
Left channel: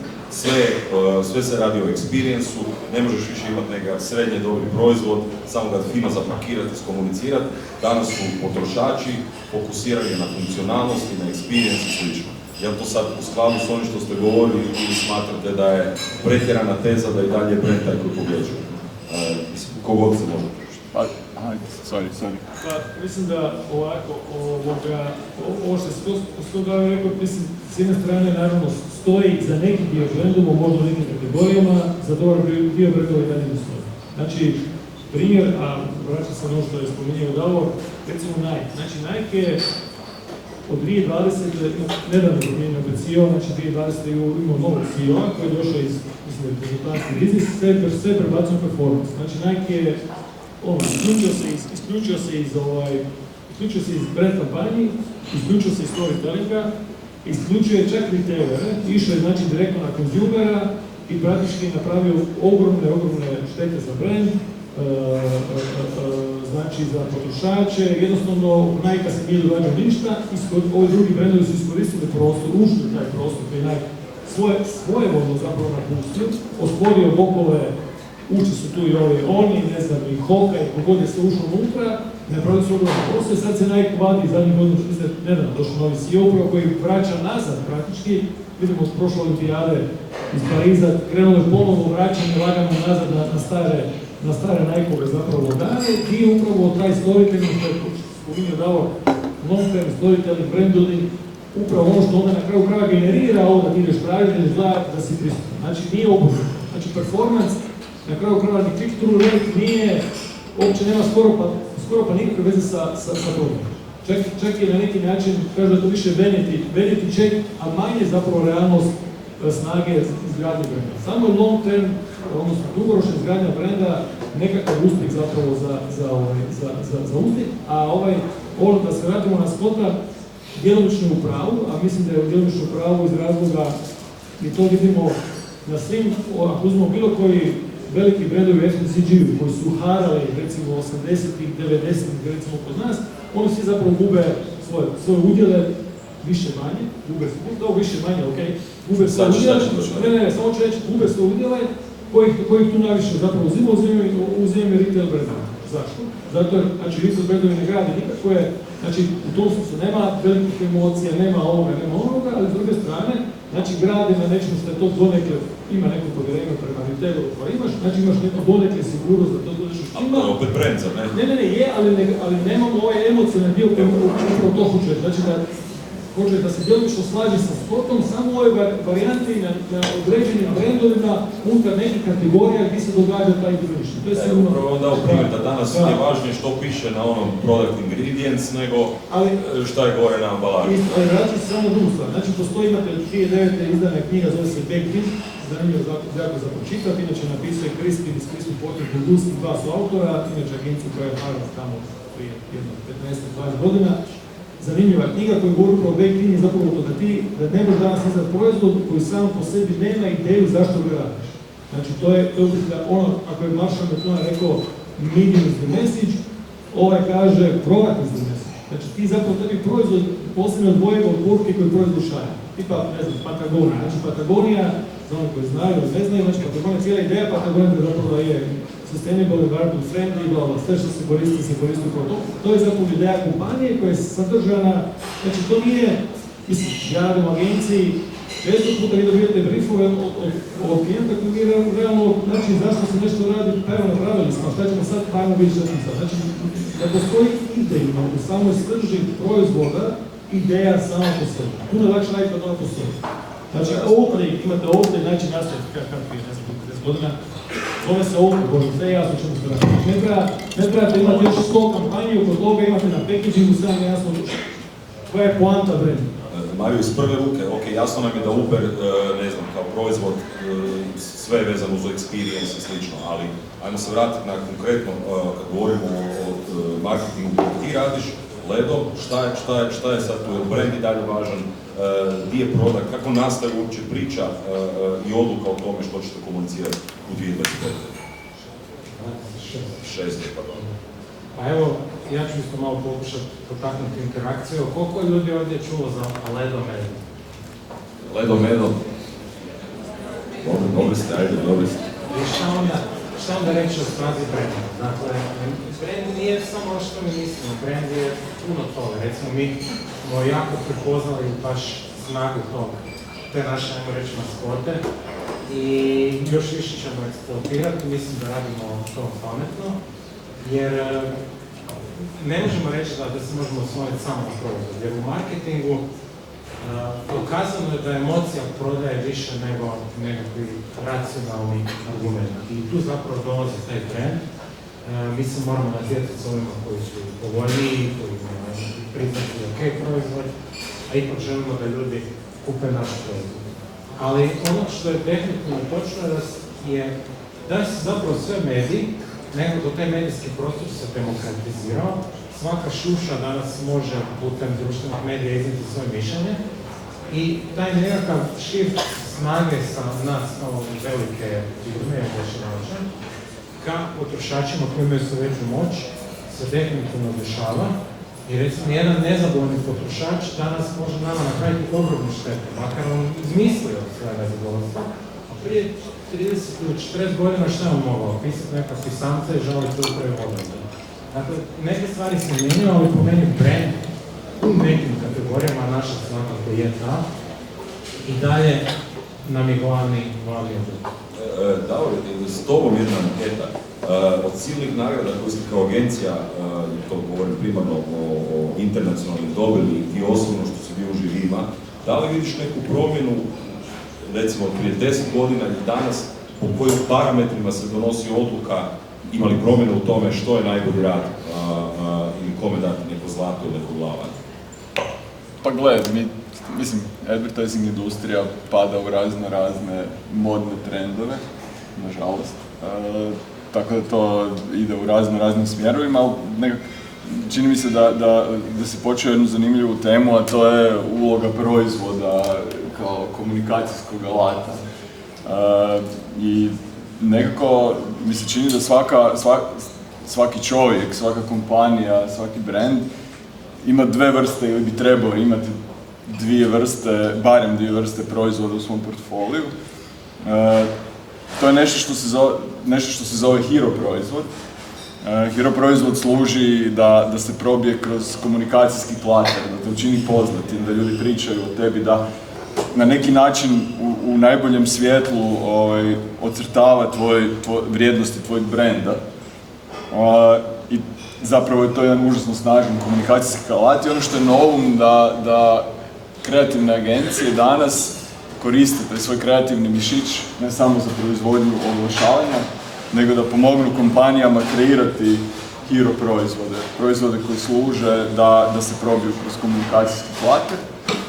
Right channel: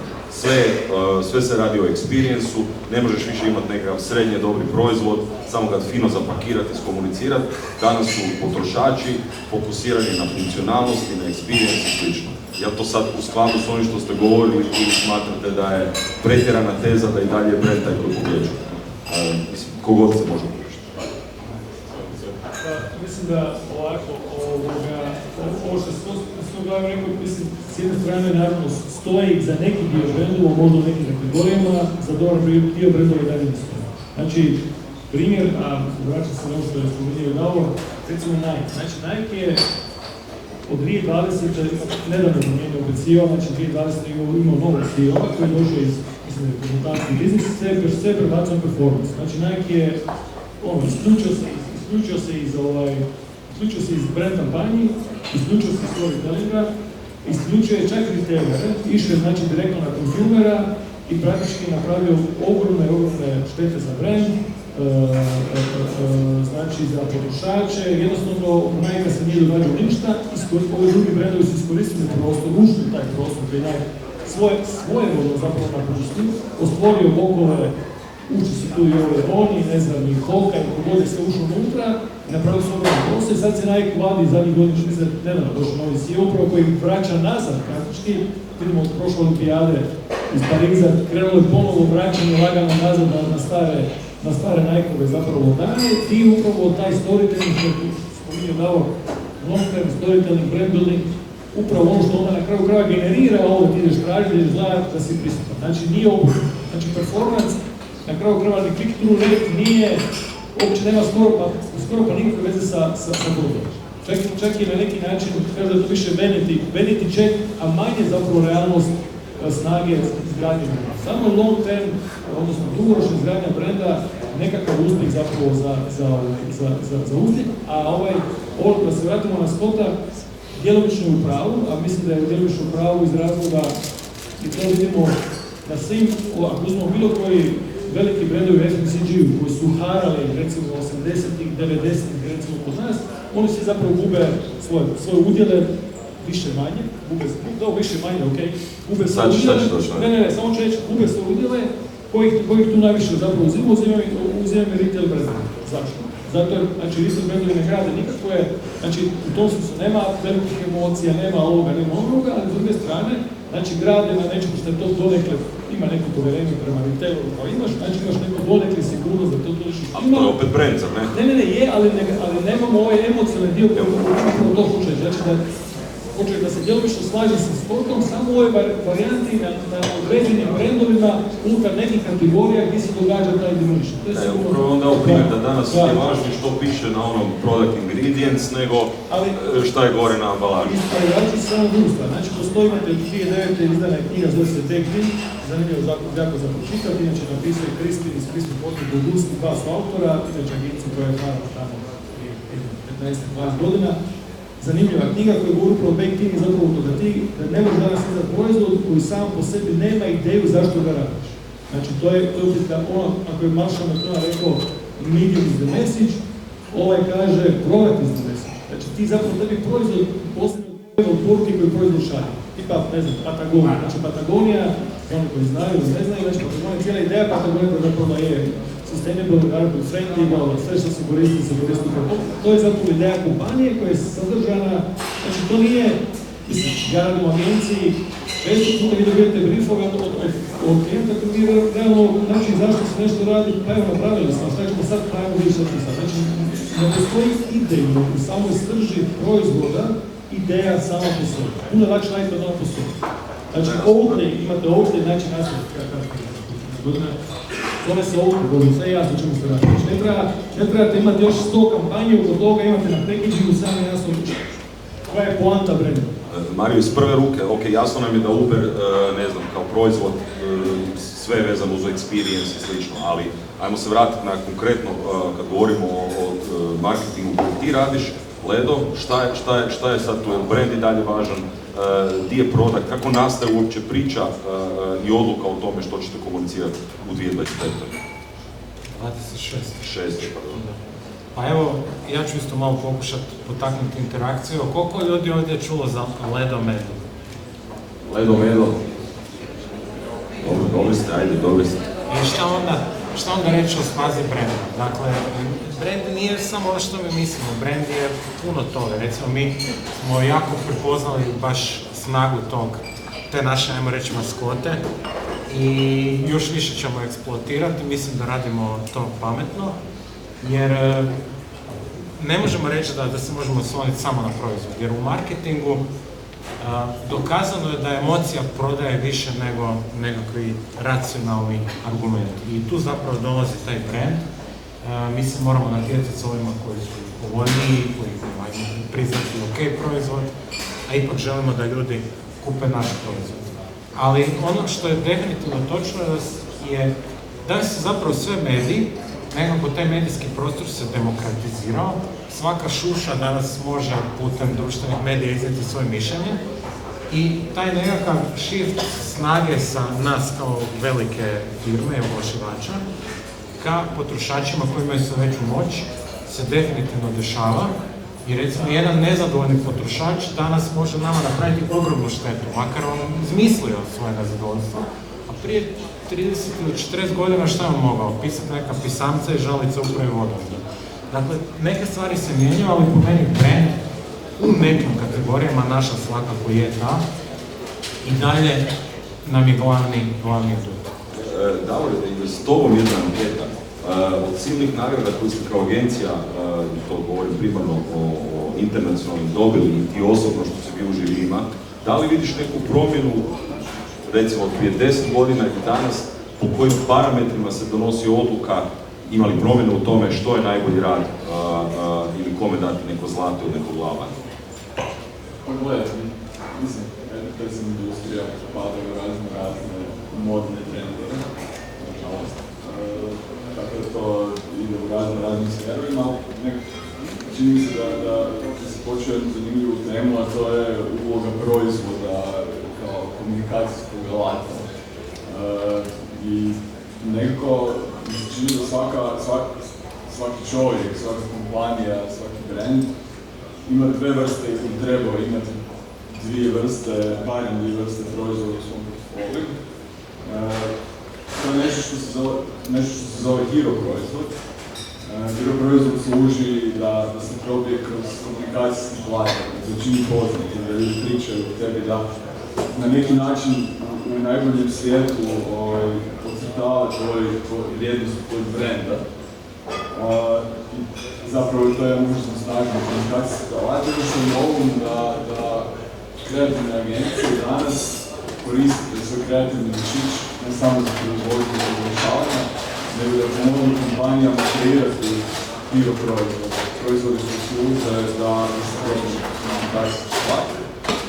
Sve se radi o experience-u, ne možeš više imati nekakav srednje dobri proizvod, samo kad fino zapakirati, iskomunicirati. Danas su potrošači fokusirani na funkcionalnosti, na experience i slično. Je li to sad u skladu s ovim što ste govorili ili smatrate da je pretjerana teza da i dalje brend taj koji pobjeđuje? Kogod se može pokušati. Sorry. Pa, mislim da ovako, ovo što je Scott rekao, mislim, s jedne strane naravno stoji za neki dio brendova, možda u nekim kategorijama, za dobar dio brendova i dalje ne stoji. Znači, primjer, a vraćam se na ovo što je spominjao Davor, recimo Nike. Znači, Nike je od 2020. nedavno promijenio CEO, znači 2020. imao novog CEO-a koji je došao iz, mislim da je konzultantski biznis, sve prebacio na performance. Znači, Nike je isključio se iz brand kampanji, isključio se iz storytellinga, isključio je čak retailere, išao je znači direktno na konzumera i praktički napravio ogromne štete za brand, znači za potrošače, jednostavno Nike se nije događao ništa, ovi drugi brandovi su iskoristili prostor, ušli u taj prostor koji Nike svoje vodno zapravo napustio, osporio okove, uči su tu i oni, ne znam, i Holka i kogode se ušao unutra i napravili su ogromne posle. Sad se Nike vadi zadnjih godina, što mislim da nedavno došao novi CEO upravo koji vraća nazad praktički. Vidimo od prošle olimpijade iz Pariza krenulo je ponovo vraćanje lagano nazad na stare Nike-ove zapravo dane i upravo taj storytelling, što je spominjao Davor, long-term storytelling, brand building, upravo ono što onda na kraju krava generira ovo da ti ideš tražiti, da ideš gledati, da si prisutan. Znači nije obrnuto. Znači performance na kraju krava ni click-through rate nije, uopće nema skoro pa nikakve veze sa problemom. Čak je na neki način, kaže da to više vanity check, a manje zapravo realnost snage izgradnje brenda. Samo je long term, odnosno dugoročna izgradnja brenda nekakav uspjeh zapravo za uspjeh, a ovo da se vratimo na Scotta, djelomično u pravu, a mislim da je djelomično u pravu iz razloga i to vidimo na svim, ako uzmemo bilo koji veliki brendovi u FMCG-u koji su harali recimo 80-ih, 90-ih recimo kod nas, oni svi zapravo gube svoje udjele, više manje, više manje, okej, gube svoje udjele, ne, samo ću reći, gube svoje udjele, kojih tu najviše zapravo uzimaju retail brendovi. Zašto? Zato jer, znači, retail brendovi ne grade nikakve, znači, u tom smislu nema velikih emocija, nema ovoga, nema onoga, ali s druge strane, znači, grade na nečemu što je to donekle, ima neko povjerenje prema retailu koji imaš, znači imaš neko donekle sigurnost da to dođeš. Ali to je opet brand, zar ne? Ne, je, ali nemamo ovaj emocionalni dio koji to hoće, znači da hoće da se djelomično slaži sa sportom, samo ove varijanti na određenim brendovima unutar nekih kategorija gdje se događa taj diminition. To je sigurno... Upravo onda okvir da danas je važnije što piše na onom product ingredients nego šta je gore na ambalaži. Ja ću samo drugu stvar. Znači, postoji, imate od 2009. izdana knjiga, zove se Baked In, zanimljivo jako za pročitati, inače napisao je Kristin iz Kristin Portland u Luski, dva su autora, inače agencija koja je harala tamo prije 15-20 godina. Zanimljiva knjiga koja govori upravo o Baked In je zapravo to da ne možeš danas izdati proizvod koji sam po sebi nema ideju zašto ga radiš. Znači, to je ono, ako je Marshall McLuhan rekao medium is the message, kaže product is the message. Znači, ti zapravo tebi proizvod posebno odvoje od poruke koju proizvod šalje. Tipa, ne znam, Patagonija. Znači, Patagonija, za oni koji znaju ili ne znaju, znači, Patagonija, cijela ideja Patagonija da zapravo je sustainable, environment friendly, sve što se koristi. To je zapravo ideja kompanije koja je sadržana, znači to nije, mislim, ja radim u agenciji, često puta vi dobijete briefove od klijenta koji vi realno, znači zašto se nešto radi, pa evo napravili smo, šta ćemo sad, pa evo vidjeti što ćemo sad. Znači, ne postoji ideja u samoj srži proizvoda, ideja sama po sebi. Puno je lakše raditi od ono po sebi. Znači, imate ovdje, znači jasno, godina, zove se Oakley, sve jasno čemu se radi. Ne trebate imati još 100 kampanji, oko toga imate na packagingu samo jasno koja je poanta brenda. Mario, iz prve ruke, ok, jasno nam je da Uber, ne znam, kao proizvod, sve je vezano uz experience i slično, ali ajmo se vratiti na konkretno, kad govorimo o marketingu koji ti radiš, Ledo, šta je sad tu, brand i dalje važan, gdje je produkt, kako nastaje uopće priča i odluka o tome što ćete komunicirati u 2025. 26. pardon. Pa evo, ja ću isto malo pokušati potaknuti interakciju. Koliko ljudi ovdje je čulo za Ledo Medo? Ledo Medo? Dobri ste, ajde, dobri ste. I šta onda reći o spazi brenda? Dakle, brand nije samo ono što mi mislimo, brand je puno toga. Recimo, mi smo jako prepoznali baš snagu te naše, ajmo reći, maskote i još više ćemo eksploatirati. Mislim da radimo to pametno, jer ne možemo reći da se možemo osloniti samo na proizvod, jer u marketingu dokazano je da emocija prodaje više nego nekakvi racionalni argumenti. I tu zapravo dolazi taj brand. Mi se moramo natjecati s ovima koji su povoljniji, koji imaju priznati ok proizvod, a ipak želimo da ljudi kupe naš proizvod. Ali ono što je definitivno točno je da se zapravo sve mediji, nekako taj medijski prostor se demokratizirao. Svaka šuša danas može putem društvenih medija iznijeti svoje mišljenje i taj nekakav shift snage sa nas kao velike firme, oglašivača, ka potrošačima koji imaju sve veću moć, se definitivno dešava. I recimo jedan nezadovoljni potrošač danas može nama napraviti ogromnu štetu, makar on izmislio svoje nezadovoljstvo. A prije 30 ili 40 godina šta je mogao? Pisati neka pisamca i žaliti se upravi odgodu. Dakle, neke stvari se mijenjaju, ali po meni brand u nekim kategorijama naša svakako je ta. I dalje nam je glavni odgovor. Davor, s tobom jedna anketa. Od silnih nagrada koji ste kao agencija, to govorim primarno o internacionalnim, dobili i ti osobno što si bio u žirima, da li vidiš neku promjenu, recimo prije 10 godina i danas, po kojim parametrima se donosi odluka, ima li promjenu u tome što je najbolji rad ili kome dati neko zlato ili neko glava? Pa gledaj, mi mislim, advertising industrija pada u razne modne trendove, nažalost. Tako da to ide u raznim smjerovima, ali čini mi se da si počeo jednu zanimljivu temu, a to je uloga proizvoda kao komunikacijskog alata. I nekako mi se čini da svaki čovjek, svaka kompanija, svaki brand ima dve vrste ili bi trebao imati barem dvije vrste proizvoda u svom portfoliju. To je nešto što se zove hero proizvod. Hero proizvod služi da se probije kroz komunikacijski plater, da te učini poznati, da ljudi pričaju o tebi, da na neki način u najboljem svjetlu ocrtava vrijednosti tvojeg brenda. I zapravo je to jedan užasno snažan komunikacijski alat i ono što je novum da kreativne agencije danas koriste taj svoj kreativni mišić ne samo za proizvodnju i oglašavanje, nego da pomognu kompanijama kreirati hero proizvode koji služe da se probiju kroz komunikacijski plater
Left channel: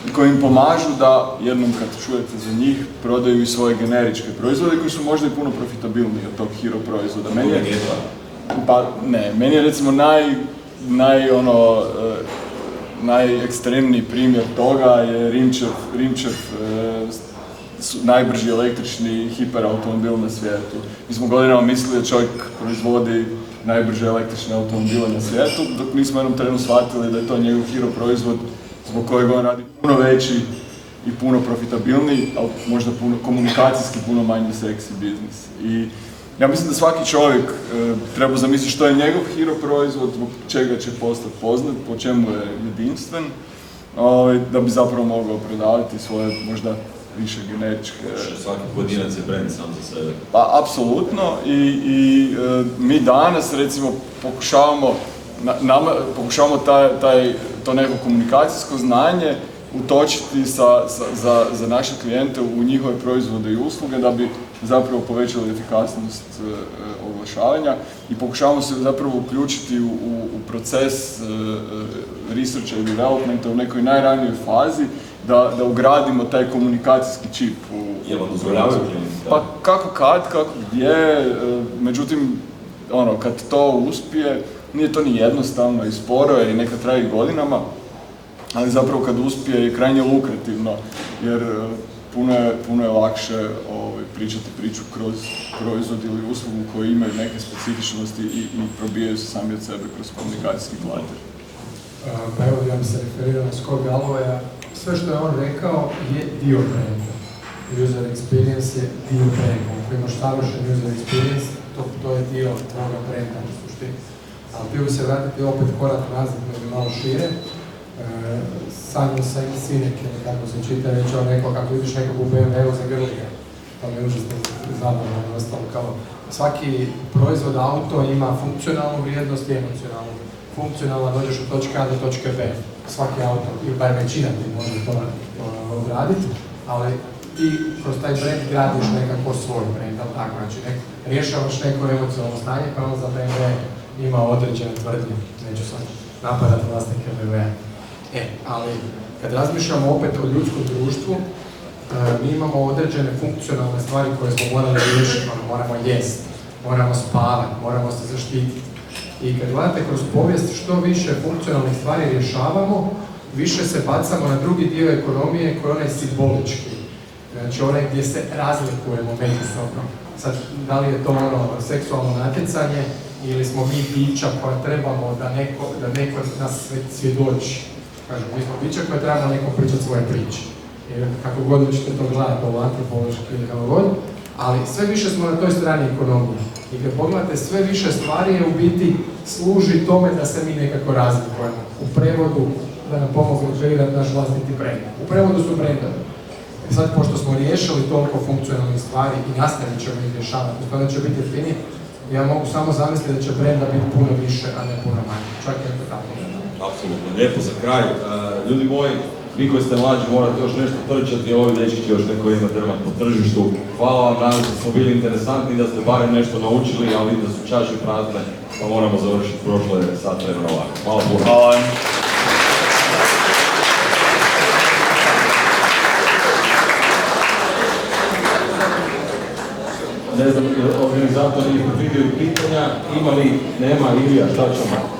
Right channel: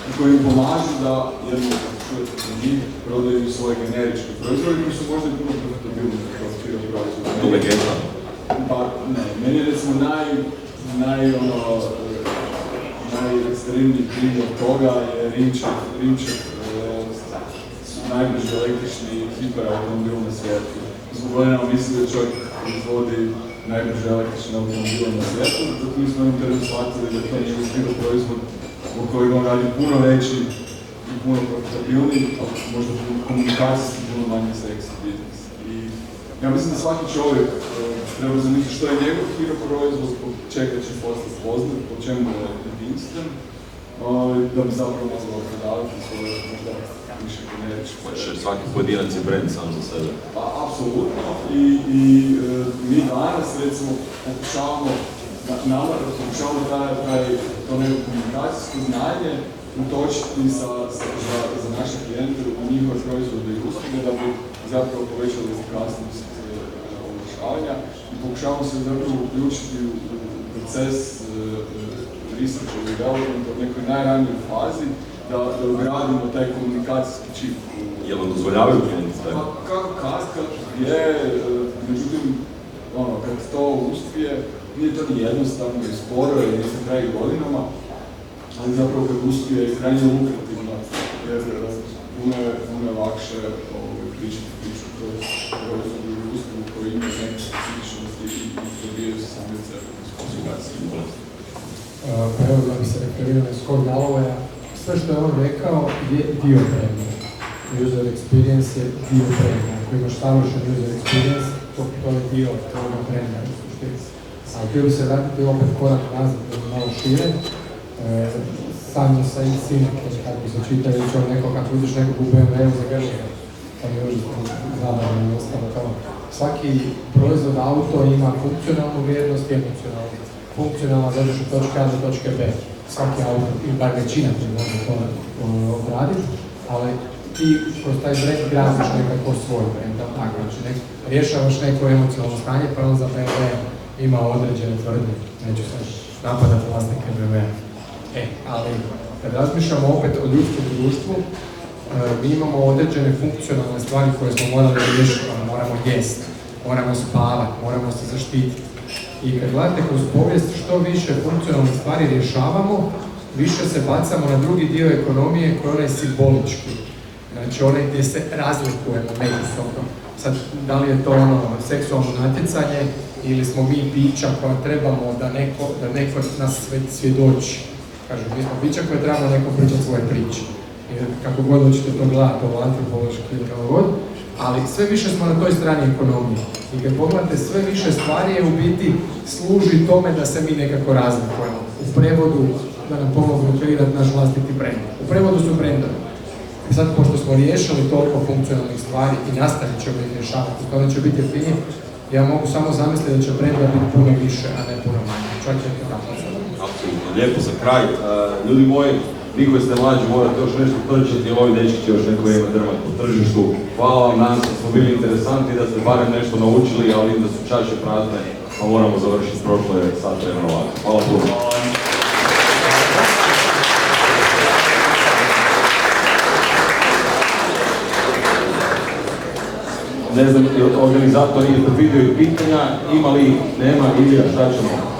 i koji im pomažu da jednom kad čujete za njih prodaju i svoje generičke proizvode koji su možda i puno profitabilniji od tog hero proizvoda. Meni je recimo najekstremniji primjer toga je Rimčev najbrži električni hiperautomobil na svijetu. Mi smo godinama mislili da čovjek proizvodi najbrže električne automobile na svijetu, dok mi smo jednom trenu shvatili da je to njegov hero proizvod zbog kojeg on radi puno veći i puno profitabilniji, ali možda komunikacijski puno manje seksi biznis. I ja mislim da svaki čovjek treba zamisliti što je njegov hero proizvod, zbog čega će postati poznat, po čemu je jedinstven, da bi zapravo mogao prodavati svoje možda više generičke. Svaki pojedinac je brand sam za sebe. Pa, apsolutno. I mi danas, recimo, pokušavamo to neko komunikacijsko znanje utočiti za naše klijente u njihove proizvode i usluge da bi zapravo povećali efikasnost oglašavanja i pokušavamo se zapravo uključiti u proces research and developmenta u nekoj najranijoj fazi da ugradimo taj komunikacijski čip. Jel' vam dozvoljavaju klijenti? Pa kako gdje, međutim, kad to uspije, nije to ni jednostavno i sporo jer nekad traje godinama, ali zapravo kad uspije je krajnje lukrativno jer puno je lakše pričati priču kroz proizvod ili uslugu koji imaju neke specifičnosti i probijaju se sami od sebe kroz komunikacijski plater. Pa evo da bi se referirao na Scott Gallowaya, sve što je on rekao je dio brenda. User experience je dio brenda. Ako imaš savršen user experience, to je dio toga brenda u suštini. Ali htio bi se vratiti opet korak nazad da bi malo šire. Simon Sinek je kako se čita, reći on rekao kako vidiš nekog u BMW-u za velika. To mi je užasno zabavno i ostalo kao svaki proizvod auto ima funkcionalnu vrijednost i emocionalnu. Funkcionalno dođeš od točke A do točke B. Svaki auto, ili bar većina ti može to uraditi, ali ti kroz taj brand gradiš nekako svoj brand, tako znači rješavaš neko emocionalno stanje, pa on za BMW ima određene tvrdnje, neću sad napadati vlasnike BMW-a. Ali kad razmišljamo opet o ljudskom društvu, mi imamo određene funkcionalne stvari koje smo morali riješiti, moramo jest, moramo spavati, moramo se zaštititi. I kad gledate kroz povijest što više funkcionalnih stvari rješavamo, više se bacamo na drugi dio ekonomije koji je onaj simbolički. Znači onaj gdje se razlikujemo međusobno. Sad, da li je to seksualno natjecanje ili smo mi bića koja trebamo da neko nas svjedoči. Kažem, mi smo bića koja treba da neko pričati svoje priče. Jer kako god ćete to gledati, ovo antropološki ili kako god, ali sve više smo na toj strani ekonomije. I kad pogledate, sve više stvari je u biti služi tome da se mi nekako razlikujemo. U prevodu da nam pomognu kreirati naš vlastiti brend. U prevodu su brendovi. I sad, pošto smo riješili toliko funkcionalnih stvari i nastavit ćemo ih rješavati, to neće biti jeftinije, ja mogu samo zamisliti da će brenda biti puno više, a ne puno manje. Čak je to tako. Apsolutno. Lijepo za kraj. Ljudi moji, vi koji ste mlađi morate još nešto trčati, ovi dečki će još neko vrijeme drmati po tržištu. Hvala vam, nadam se da smo bili interesantni, da ste barem nešto naučili, ali da su čaše prazne, pa moramo završiti prošlo je sat vremena ovako. Hvala. Ne znam, organizatori pitaju pitanja, ima li, nema, Ilija, šta ćemo?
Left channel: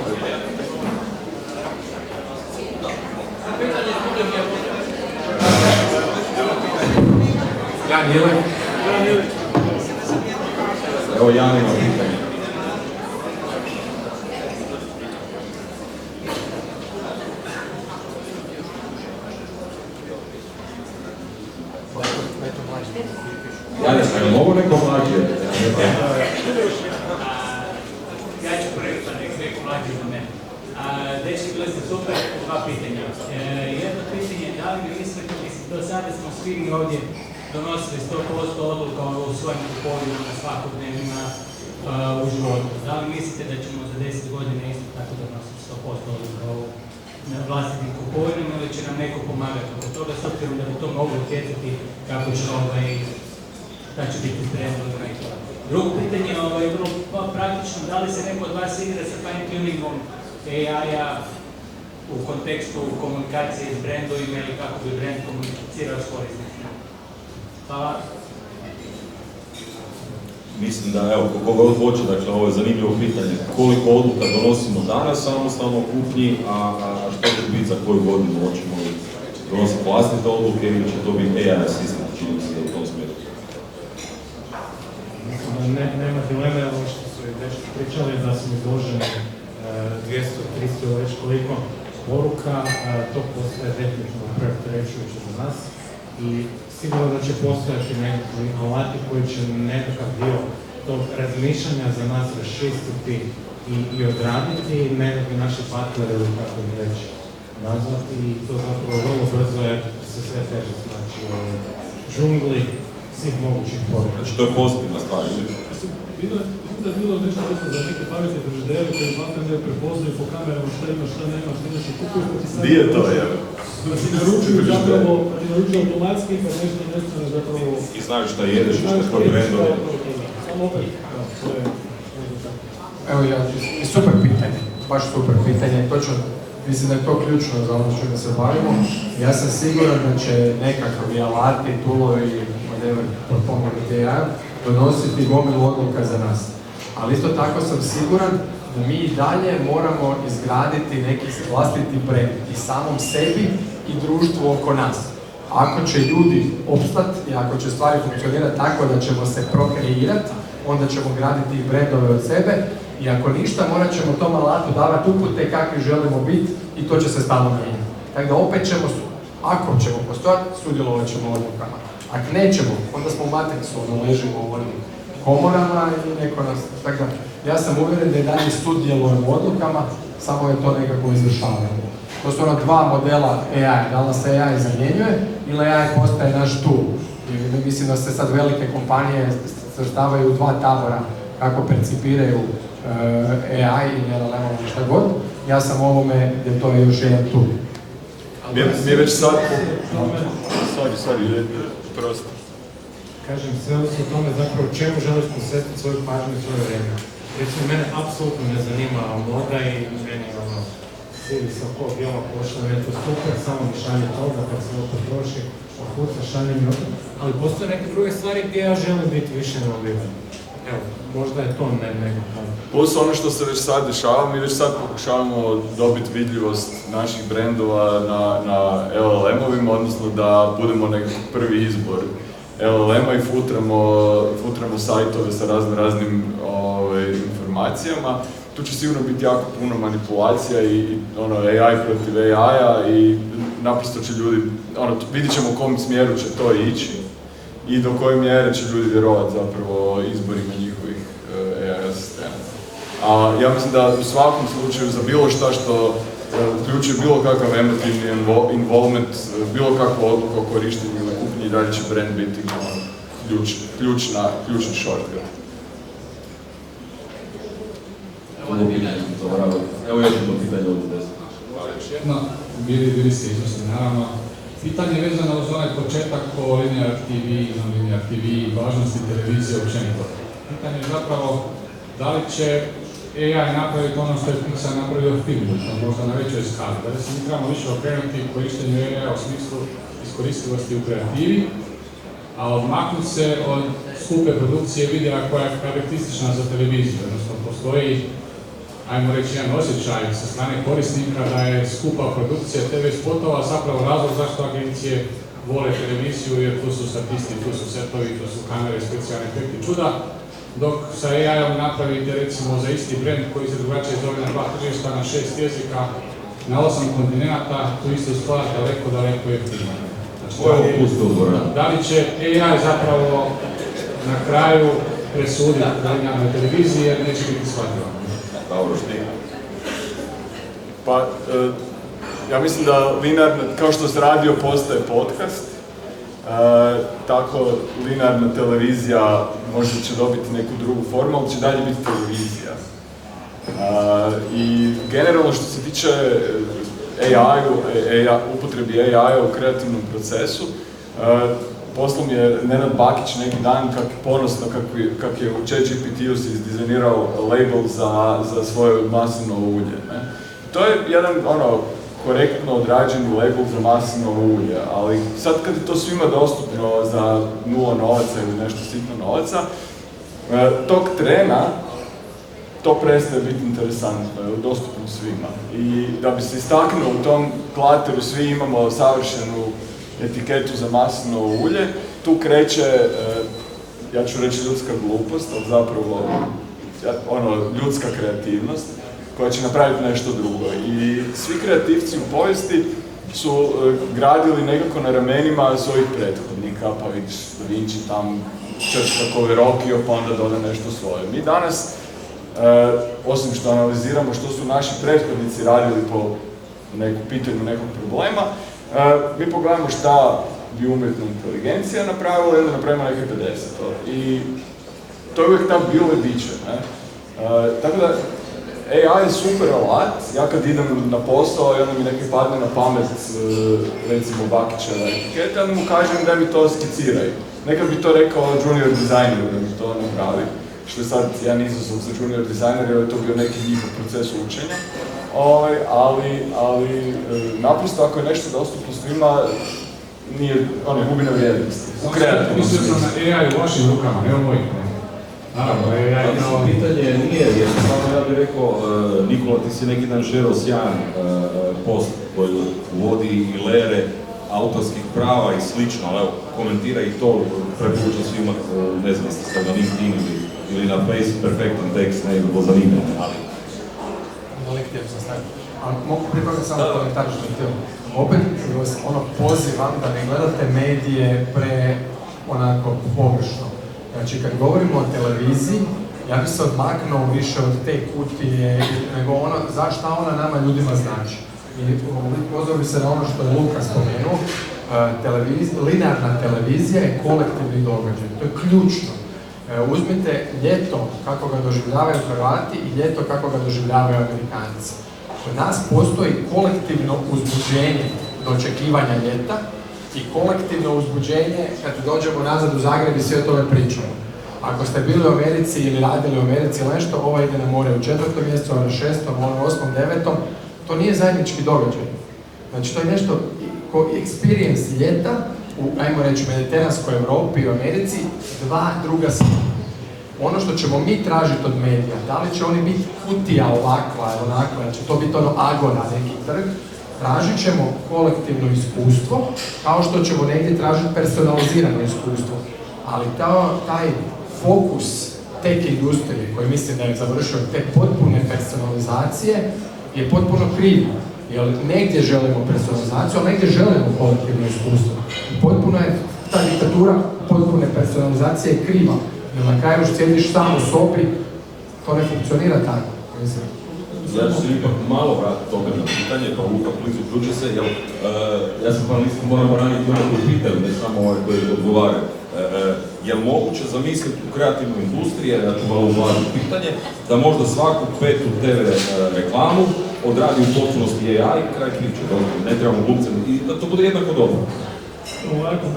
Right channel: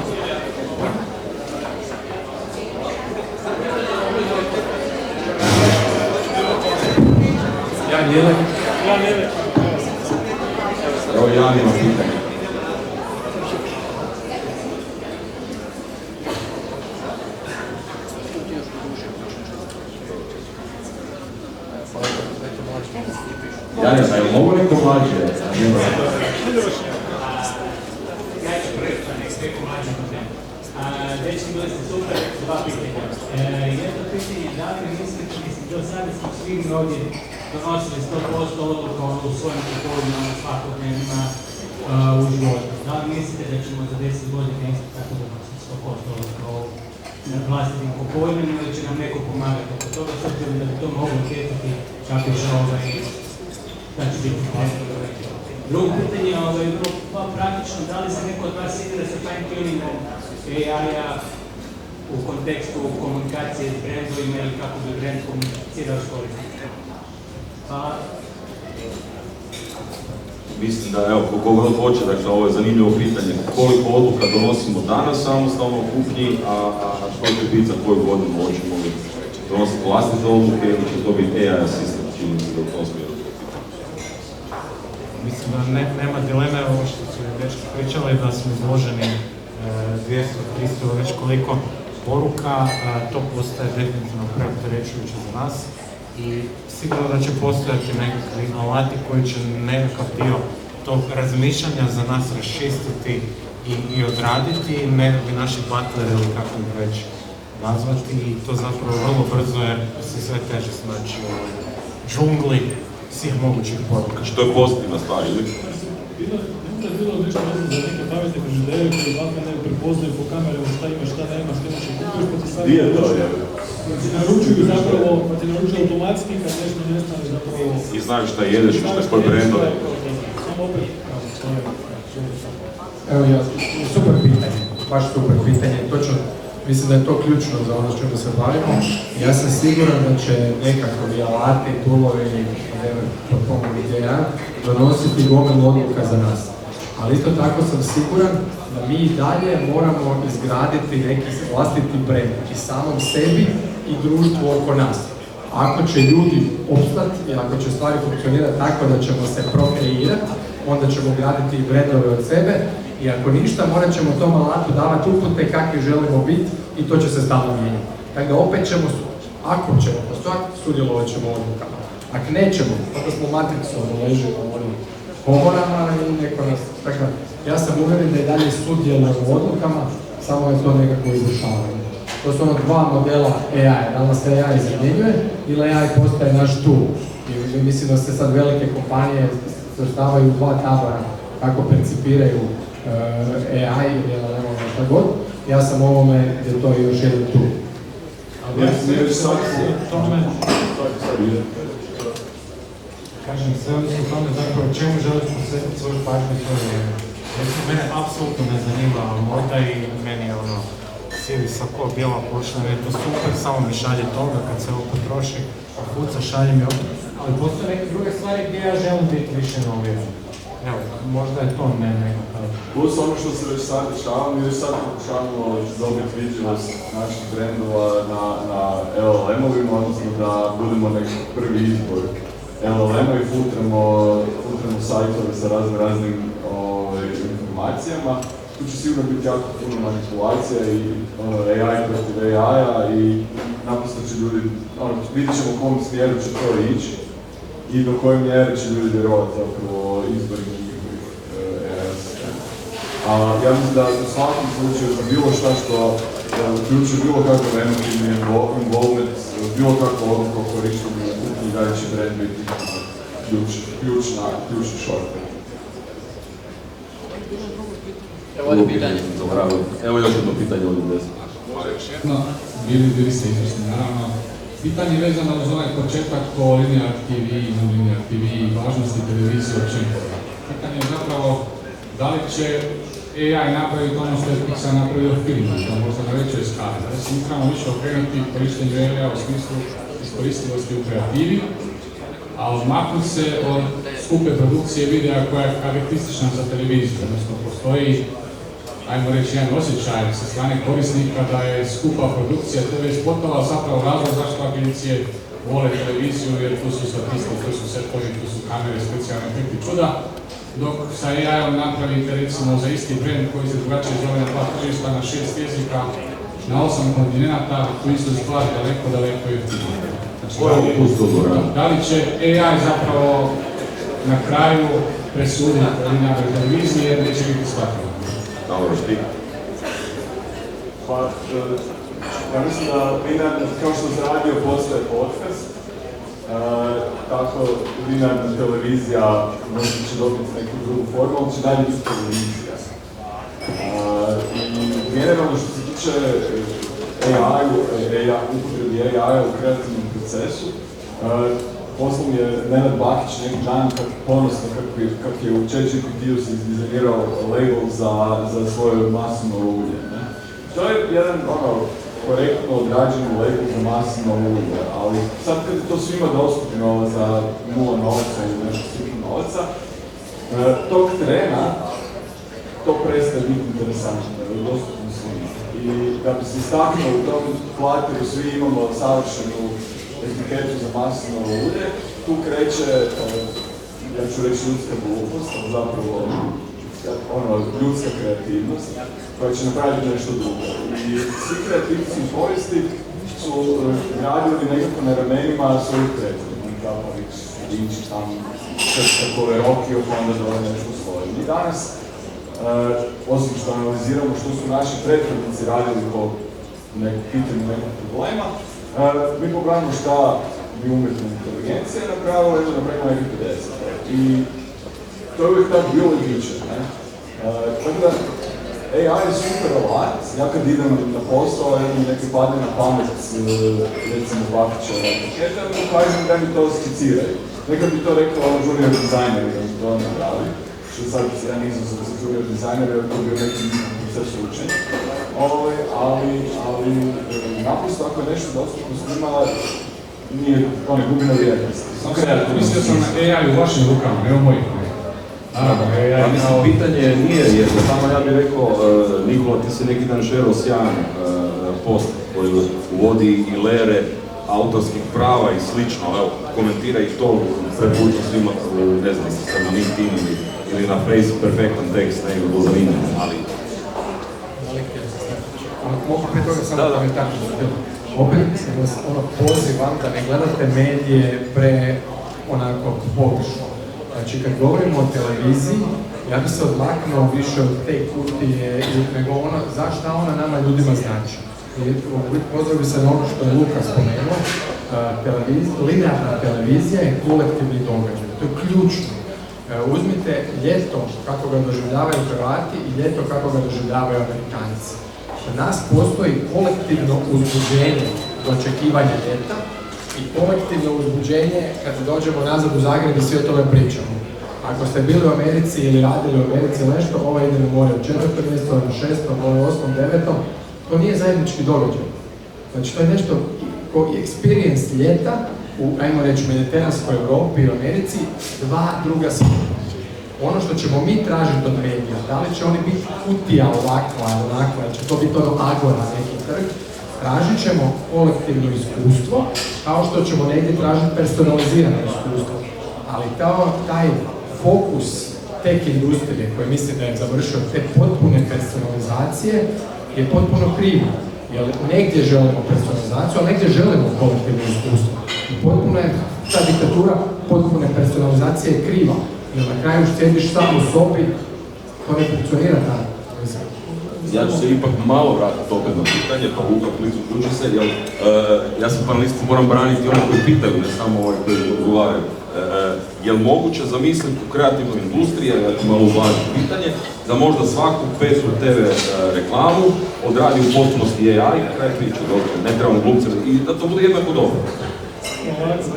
Evo Jan ima pitanje. Jan, mogu neko mlađe? Ja ću prvi, pa neko mlađe na mene. Dečki, bili ste super, dva pitanja. Jedno pitanje je da li mislite da do sada smo svi ovdje donosili 100% odluka u svojim okolinama, svakodnevima u životu. Da li mislite da ćemo za 10 godina isto tako donositi 100% odluka u vlastitim okolinama ili će nam neko pomagati oko toga, s obzirom da bi to moglo utjecati kako će da će biti trend. Drugo pitanje je vrlo praktično, da li se neko od vas igra sa fine-tuningom AI-a u kontekstu komunikacije s brandovima ili kako bi brand komunicirao s korisnicima? Hvala. Mislim da, evo, koliko god hoće, dakle, ovo je zanimljivo pitanje. Koliko odluka donosimo danas samostalno u kuhinji, a što će biti za koju godinu hoćemo li donositi vlastite odluke ili će to biti AI asistent, čini se da u tom smjeru. Mislim da nema dileme, ovo što su već pričali, da smo izloženi 200, 300, već koliko poruka, to postaje definitivno preopterećujuće za nas i sigurno da će postojati nekakvi alati koji će nekakav dio tog razmišljanja za nas raščistiti i odraditi, ne bi naši partneri ili kako bi već nazvati i to zapravo vrlo brzo je se sve teže snaći u džungli svih mogućih poruka. Znači to je pozitivna stvar, ili? Bilo nešto vezano za neke pametne frižidere koji ne prepoznaju po kamerama šta ima, šta nema, šta imaš i kupuješ, pa ti stavljaju. Gdje je to, jel? Pa ti naručuju zapravo, pa ti naručuju automatski kad nešto nestane zapravo. I znaju šta jedeš, šta je pod brendom. Samo opet, to je. Evo ja, super pitanje, baš super pitanje, točno. Mislim da je to ključno za ono što se bavimo. Ja sam siguran da će nekakvi alati, toolovi ili whatever potpomognuti AI donositi gomilu odluka za nas. Ali isto tako sam siguran da mi i dalje moramo izgraditi neki vlastiti brand i samom sebi i društvu oko nas. Ako će ljudi opstati i ako će stvari funkcionirati tako da ćemo se prokreirati, onda ćemo graditi i brandove od sebe i ako ništa morat ćemo tom alatu davati upute kakvi želimo biti i to će se stalno mijenjati. Tako da opet ćemo, ako ćemo postojati, sudjelovat ćemo odlukama. Ako nećemo, onda smo u matricu, ležimo u onim komorama i neko nas, tako ja sam uvjeren da i dalje sudjelujemo u odlukama, samo je to nekako izvršavanje. To su ono dva modela AI, da li nas AI zamjenjuje ili AI postaje naš tool. I mislim da se sad velike kompanije svrstavaju u dva tabora kako percipiraju AI ili LLM ili šta god. Ja sam ovome gdje to je još jedan tool. Mi već sad... Kažem, sve ovisi o tome zapravo čemu želiš posvetiti svoj partner svoje vrijeme. Recimo, mene apsolutno ne zanima moda i meni je ono, sidi sa bijela košla, je to super, samo mi šalje toga kad se ovo potroši, kuca, šalje mi ovo. Ali postoje neke druge stvari gdje ja želim biti više involviran. Evo, možda je to nekakav. Ovo su ono što se već sad dešava, mi već sad pokušavamo dobiti vidljivost naših brendova na LLM-ovima, odnosno da budemo nekakav prvi izbor LLM-a i filtramo sajtove sa raznim informacijama. Tu će sigurno biti jako puno manipulacija i AI protiv AI-a i naprosto će ljudi, vidit ćemo u kom smjeru će to ići i do koje mjere će ljudi vjerovati zapravo izborima njihovih AI asistenta. A ja mislim da u svakom slučaju za bilo šta što uključuje bilo kakav emotivni involvement, bilo kakva odluka o korištenju i dalje će brand biti ključni shortcut. Evo još jedno pitanje od Udesa. Još jedno, bili ste izvrsni, naravno. Pitanje je vezano uz onaj početak o linear TV, non-linear TV, važnosti televizije općenito. Pitanje je zapravo da li će AI napraviti ono što je Pixar napravio u filmu, možda na većoj skali. Da li se moramo više okrenuti korištenju AI u smislu iskoristivosti u kreativi a odmaknuti se od skupe produkcije videa koja je karakteristična za televiziju. Odnosno, postoji, ajmo reći, jedan osjećaj sa strane korisnika da je skupa produkcija TV spotova zapravo razlog zašto agencije vole televiziju, jer tu su statisti, tu su setovi, tu su kamere, specijalni efekti čuda. Dok sa AI-om napravite recimo za isti brand koji se drugačije zove na 2 tržišta, na 6 jezika, na 8 kontinenta, tu istu stvar daleko jeftinije. Da li će AI zapravo na kraju presuditi na televiziji jer neće biti shvatljivo? Dobro, šti. Pa, ja mislim da linearna, kao što se radio postaje podcast, tako linearna televizija možda će dobiti neku drugu formu, ali će dalje biti televizija. I generalno što se tiče upotrebi AI-a u kreativnom procesu, poslao mi je Nenad Bakić neki dan ponosno kak je u ChatGPT-u si izdizajnirao label za svoje maslinovo ulje. To je jedan korektno odrađeni label za maslinovo ulje, ali sad kad je to svima dostupno za 0 novaca ili nešto sitno novaca, tog trena to prestaje biti interesantno, je dostupno svima. I da bi se istaknulo u tom plateru svi imamo savršenu etiketu za maslinovo ulje, tu kreće, ja ću reći ljudska glupost, ali zapravo ljudska kreativnost, koja će napraviti nešto drugo. I svi kreativci u povijesti su gradili nekako na ramenima svojih prethodnika, pa vidiš Vinci tam takove Rokio, pa onda dole nešto svoje. Mi danas, osim što analiziramo što su naši prethodnici radili po pitanju nekog problema, mi pogledamo šta je umjetna inteligencija napravila i da napravimo neke 50. I to je uvijek tako bilo i biće. Tako da, AI je super alat. Ja kad idem na posao, mi neki padne na pamet, recimo Bakićeva etiketa, mu kažem da mi to skiciraju. Nekad bi to rekao junior dizajner da mi to napravi, što je sad jedan izazov za junior dizajner, jer je to bio neki proces učenja. Ali naprosto ako je nešto dostupno svima, gubi na vrijednosti. Mislio sam na AI u vašim rukama, ne u mojih. Pitanje nije, jer samo ja bih rekao, Nikola, ti si neki dan želeo sjajan post koji uvodi i lere autorskih prava i slično, evo, komentira i to, preporučujem svima, ne znam, jeste sad na LinkedIn ili na Facebook, perfektan tekst, ne bi bilo zanimljivo, ali... Mogu prije toga samo komentar što je opet pozivam da ne gledate medije onako površno. Znači, kad govorimo o televiziji, ja bi se odmaknuo više od te kutije, nego šta ona nama ljudima znači. Pozvao bi se na ono što je Luka spomenuo, linearna televizija je kolektivni događaj, to je ključno. Uzmite ljeto kako ga doživljavaju Hrvati i ljeto kako ga doživljavaju Amerikanci. Kod nas postoji kolektivno uzbuđenje do očekivanja ljeta i kolektivno uzbuđenje kad dođemo nazad u Zagreb i sve o tome pričamo. Ako ste bili u Americi ili radili u Americi ili nešto, ovo ide na more u 4. mjesecu, ovo je 6. ovo je 8. 9. To nije zajednički događaj. Znači to je nešto experience ljeta u, ajmo reći, mediteranskoj Europi i u Americi, dva druga svijeta. Ono što ćemo mi tražiti od medija, da li će oni biti kutija ovakva, onakva, će to biti agora, neki trg, tražit ćemo kolektivno iskustvo, kao što ćemo negdje tražiti personalizirano iskustvo. Ali taj fokus tech industrije, koji mislim da je završio te potpune personalizacije, je potpuno krivo. Jer negdje želimo personalizaciju, a negdje želimo kolektivno iskustvo. Potpuno je ta diktatura potpune personalizacije kriva. Jer na kraju sjediš samo u sobi, to ne funkcionira tako. Ja ću se ipak malo vratiti opet na pitanje, pa Luka uključi se, jer ja sam panelistu moram braniti one koji pitaju, ne samo ove koji odgovaraju. Je li moguće zamisliti u kreativnoj industriji, ja ću malo uvažiti pitanje, da možda svaku 5. TV reklamu odradi u potpunosti AI i kraj priče, dobro, ne trebamo glumce i da to bude jednako dobro.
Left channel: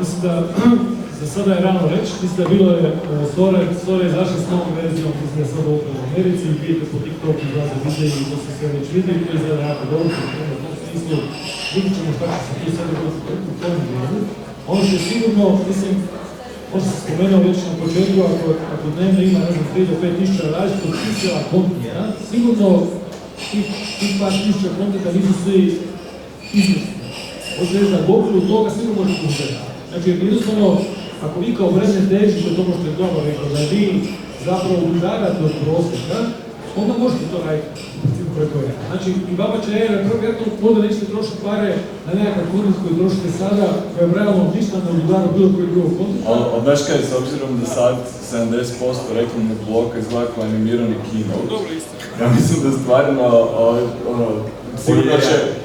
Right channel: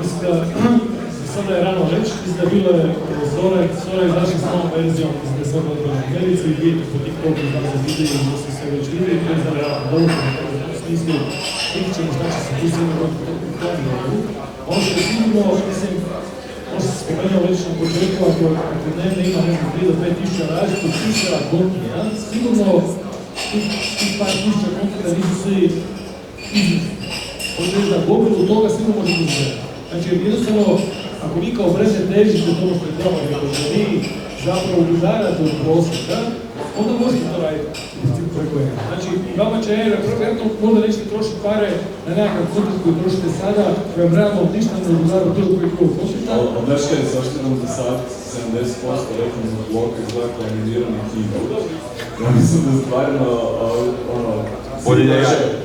Mislim da za sada je rano reći, mislim da bilo je Zora je izašla s novom verzijom, mislim da je sad odmah u Americi i vidite po TikToku izlaze videi i dosta sve već vide i to je zada jako dobro, u smislu vidit ćemo šta će se tu sve dogoditi u tom delu. Ono što je sigurno, mislim, možda se spomenuo već na početku, ako dnevno ima 3 do 5 tisuća različitog pisala kontenta, sigurno tih par tisuća kontenta nisu svi izmišljeni. Možete reći da govoru od toga sigurno možete uzeti. Znači, jednostavno, ako vi kao vreme težite tomu što je dobro rekao, da vi zapravo udarate od prosjeka, onda možete to raditi preko jedna. Znači, i baba će vjerojatno možda nećete trošiti pare na nekakav kontent koji trošite sada, koji je realno ništa ne udara bilo koji drugog prosjeka. Ali znaš kaj, s obzirom da sad 70% reklamnog bloka izgleda kao animirani kino. Ja mislim da stvarno,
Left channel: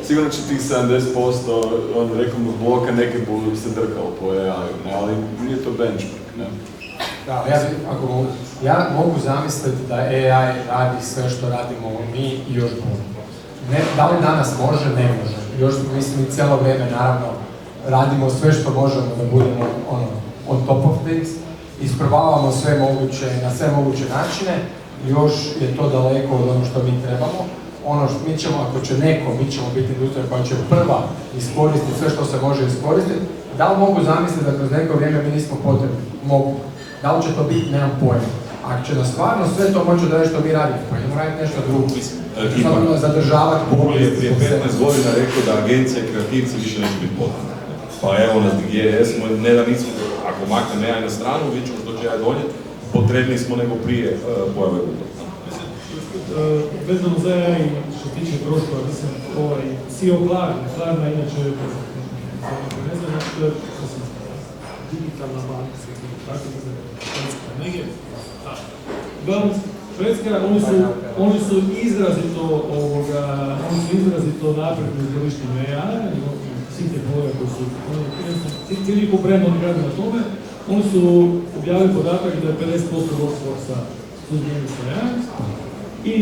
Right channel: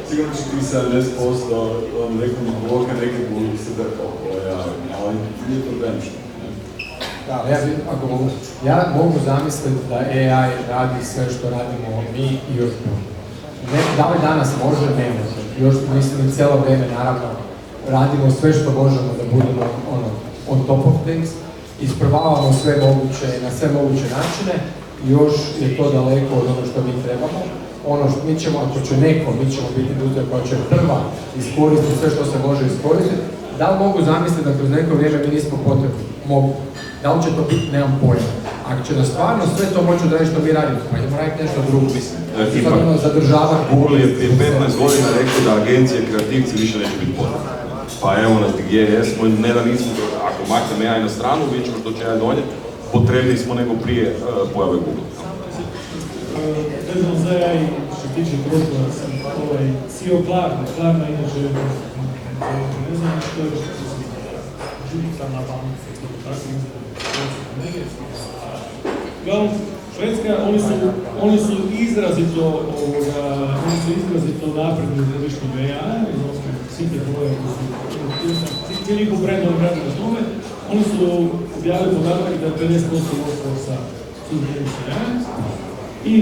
sigurno će tih 70% reklamnog bloka nekad budu se drkao po AI-u, ali je to benchmark, ne? Ja mogu zamisliti da AI radi sve što radimo mi i još bolje. Da li danas može, ne može. Još mislim i cijelo vrijeme naravno radimo sve što možemo da budemo on top of things. Isprobavamo sve moguće, na sve moguće načine. Još je to daleko od ono što mi trebamo. Ono što mi ćemo, ako će neko, mi ćemo biti industrija koja će prva iskoristiti sve što se može iskoristiti. Da li mogu zamisliti da kroz neko vrijeme mi nismo potrebni? Mogu. Da li će to biti, nemam pojma. Ako će da stvarno sve to moći da nešto mi radimo, pa idemo raditi nešto drugo. Stvarno zadržavati. Google je prije 15 godina rekao da agencije, kreativci više neće biti potrebni. Pa evo nas gdje jesmo, ne da nismo, ako maknem AI na stranu, vidjet ćemo što će AI donijeti, potrebni smo nego prije pojave Google. Vezano za AI, što se tiče društva, sam CEO Klarna, inače, ne znam, što je digitalna banka, tako neke. Uglavnom, Švedska, oni su izrazito napredni u korištenju AI-a, svih tehnologija koji su cijeli brendom radi na tome. Oni su objavili podatak da 50% workforce-a su zmijenili sa AI. I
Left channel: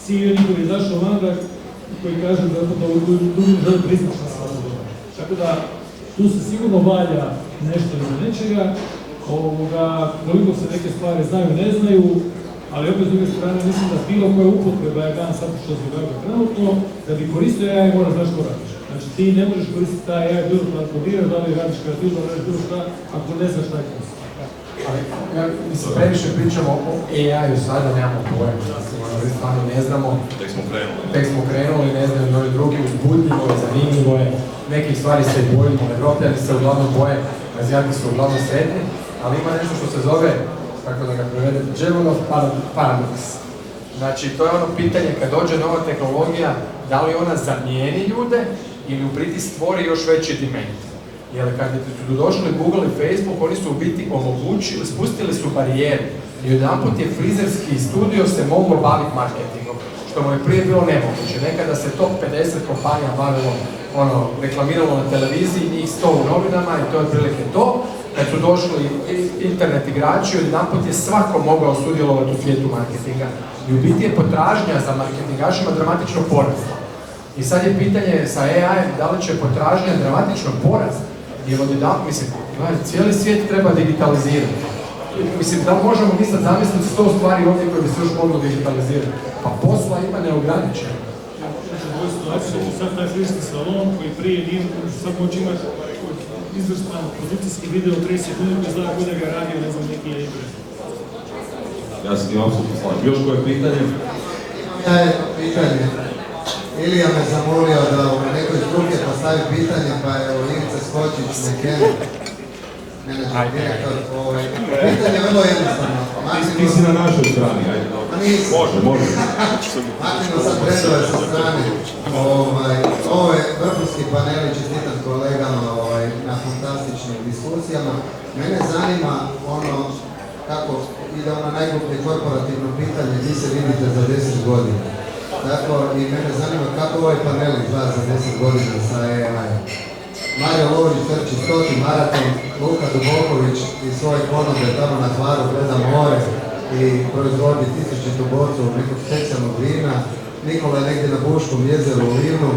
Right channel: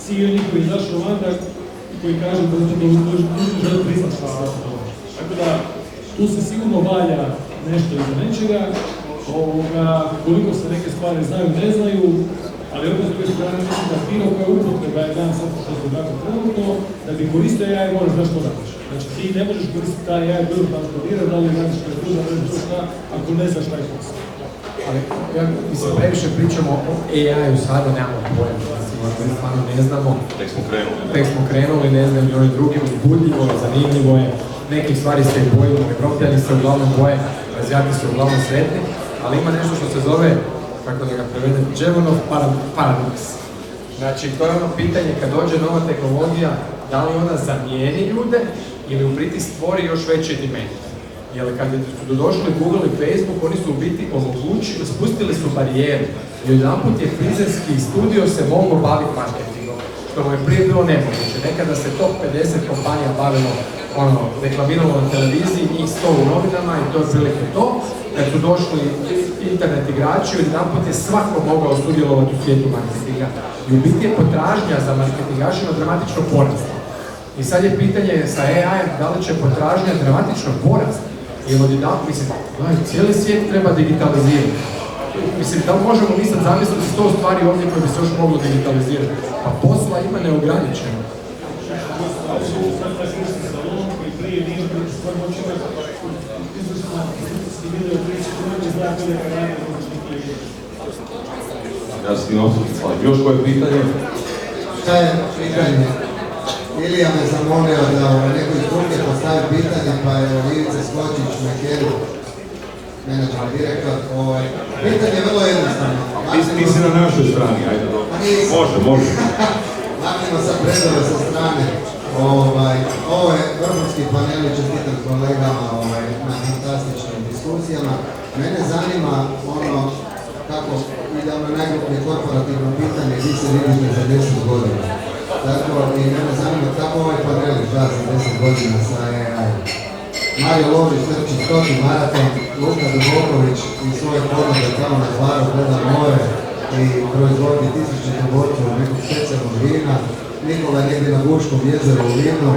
CEO njihov izašao vanka koji kaže da želi priznat što se to događa. Tako da, tu se sigurno valja nešto iz nečega, koliko se neke stvari znaju, ne znaju, ali opet s druge strane mislim da bilo koja upotreba je dan sad što se događa trenutno, da bi koristio AI moraš da što radiš. Znači ti ne možeš koristiti taj AI bilo da planiraš, da li radiš kao da radiš bilo šta, ako ne znaš taj posao. Mislim, previše pričamo o AI-u sada, nemamo pojma, stvarno ne znamo. Tek smo krenuli, ne znaju ni oni drugi, uzbudljivo, zanimljivo je, nekih stvari se bojimo, Evropljani se uglavnom boje, Azijati su uglavnom sretni, ali ima nešto što se zove, kako da ga prevedem, Jevonov paradoks. Znači, to je ono pitanje kad dođe nova tehnologija, da li ona zamijeni ljude ili u biti stvori još veći diment. Jer kad su došli Google i Facebook, oni su u biti omogućili, spustili su barijeru i jedanput je frizerski studio se mogao baviti marketingom, što mu je prije bilo nemoguće. Nekada se top 50 kompanija bavilo, reklamiralo na televiziji, njih 100 u novinama i to je prilike to. Kad su došli internet igrači, jedanput je svako mogao sudjelovati u svijetu marketinga. I u biti je potražnja za marketingašima dramatično porasla. I sad je pitanje sa AI-em da li će potražnja dramatično porasti. Jer mislim, cijeli svijet treba digitalizirati. Mislim, da možemo mi sad zamisliti 100 stvari ovdje koje bi se još moglo digitalizirati. Pa posla ima neograničeno. Sad taj frizerski salon koji prije nije, sad moći imati izvršno produkcijski video 30 sekundi, zna ko da ga radi, ne znam neki... Ja s tim apsolutno slažem. Još koje pitanje? Šta je pitanje? Ilija me zamolio da u nekoj struke postavi pitanje, pa je Ivica Skočić nekjer, menadžer, direktor. Pitanje je vrlo jednostavno. Ti si na našoj strani, ajde. Može. Martino sad predove sa strane. Ovo je vrhunski paneli, čestitam kolegama na fantastičnim diskusijama. Mene zanima kako ide najgluplje korporativno pitanje gdje se vidite za 10 godina. Tako i mene zanima kako ovaj panel izgleda za 10 godina sa AI. Mario Lovrić trči 100 maraton, Luka Duboković i svoje ponude tamo na Hvaru gleda more i proizvodi 1000 borcov nekog specijalnog vina. Nikola je negdje na Buškom jezeru u Livnu.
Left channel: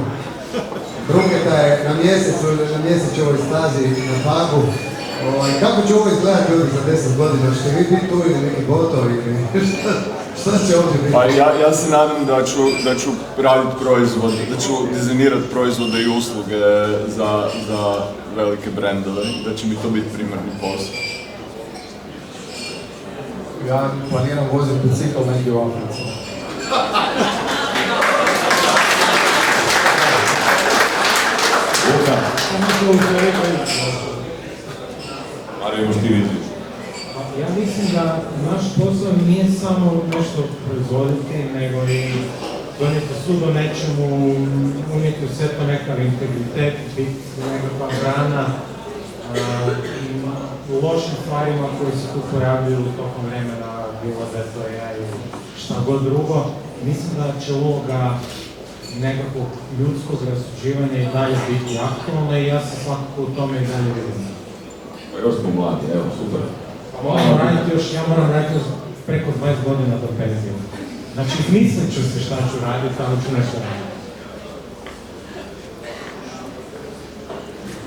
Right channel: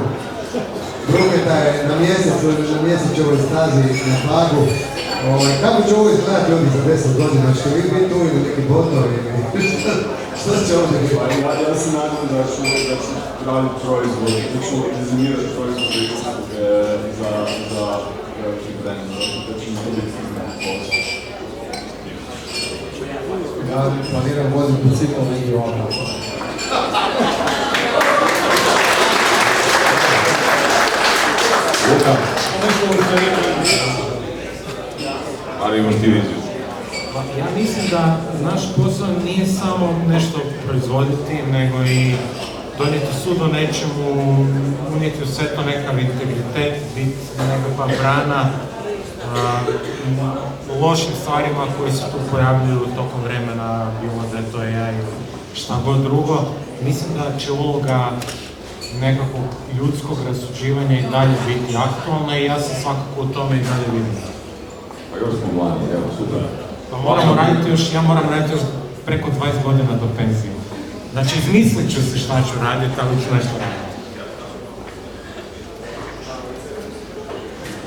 Drugeta je na mjesečevoj stazi na Pagu. Kako će ovo izgledati ovdje za 10 godina? Što vi biti tu ili neki botovi? Šta će ovdje biti? Pa ja se nadam da ću raditi proizvod, da ću dizajnirati proizvode i usluge za velike brendove, da će mi to biti primarni posao. Ja planiram voziti bicikl negdje u Ameriku. Ali imaš ti viziju. Ja mislim da naš posao nije samo nešto proizvoditi, nego i donijeti sud o nečemu, unijeti u sve to nekav integritet, biti nekakva brana lošim stvarima koji se tu pojavljuju tokom vremena, bilo da je to AI, šta god drugo. Mislim da će uloga nekakvog ljudskog rasuđivanja i dalje biti aktualna i ja se svakako u tome i dalje vidim. Evo smo mladi, evo, super. Ja moram raditi još preko 20 godina do penzije. Znači, izmislit ću se šta ću raditi, ali ću nešto raditi.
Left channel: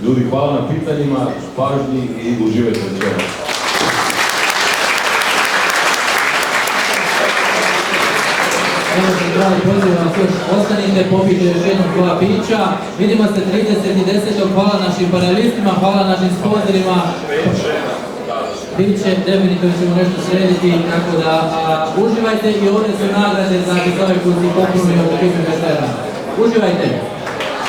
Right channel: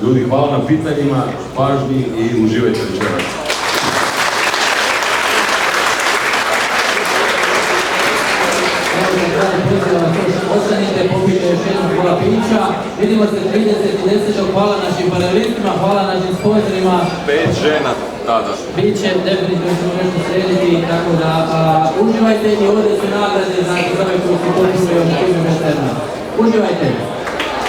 Ljudi, hvala na pitanjima, pažnji i uživajte večeras. Ostanite, popijte još jednom pola pića. Vidimo se 30.10. Hvala našim panelistima, hvala našim sponsorima. 5 žena tada. Biće, definitivno ćemo nešto srediti, tako da uživajte i ovdje su nagrade za ove koji su potpuno i od Uživajte!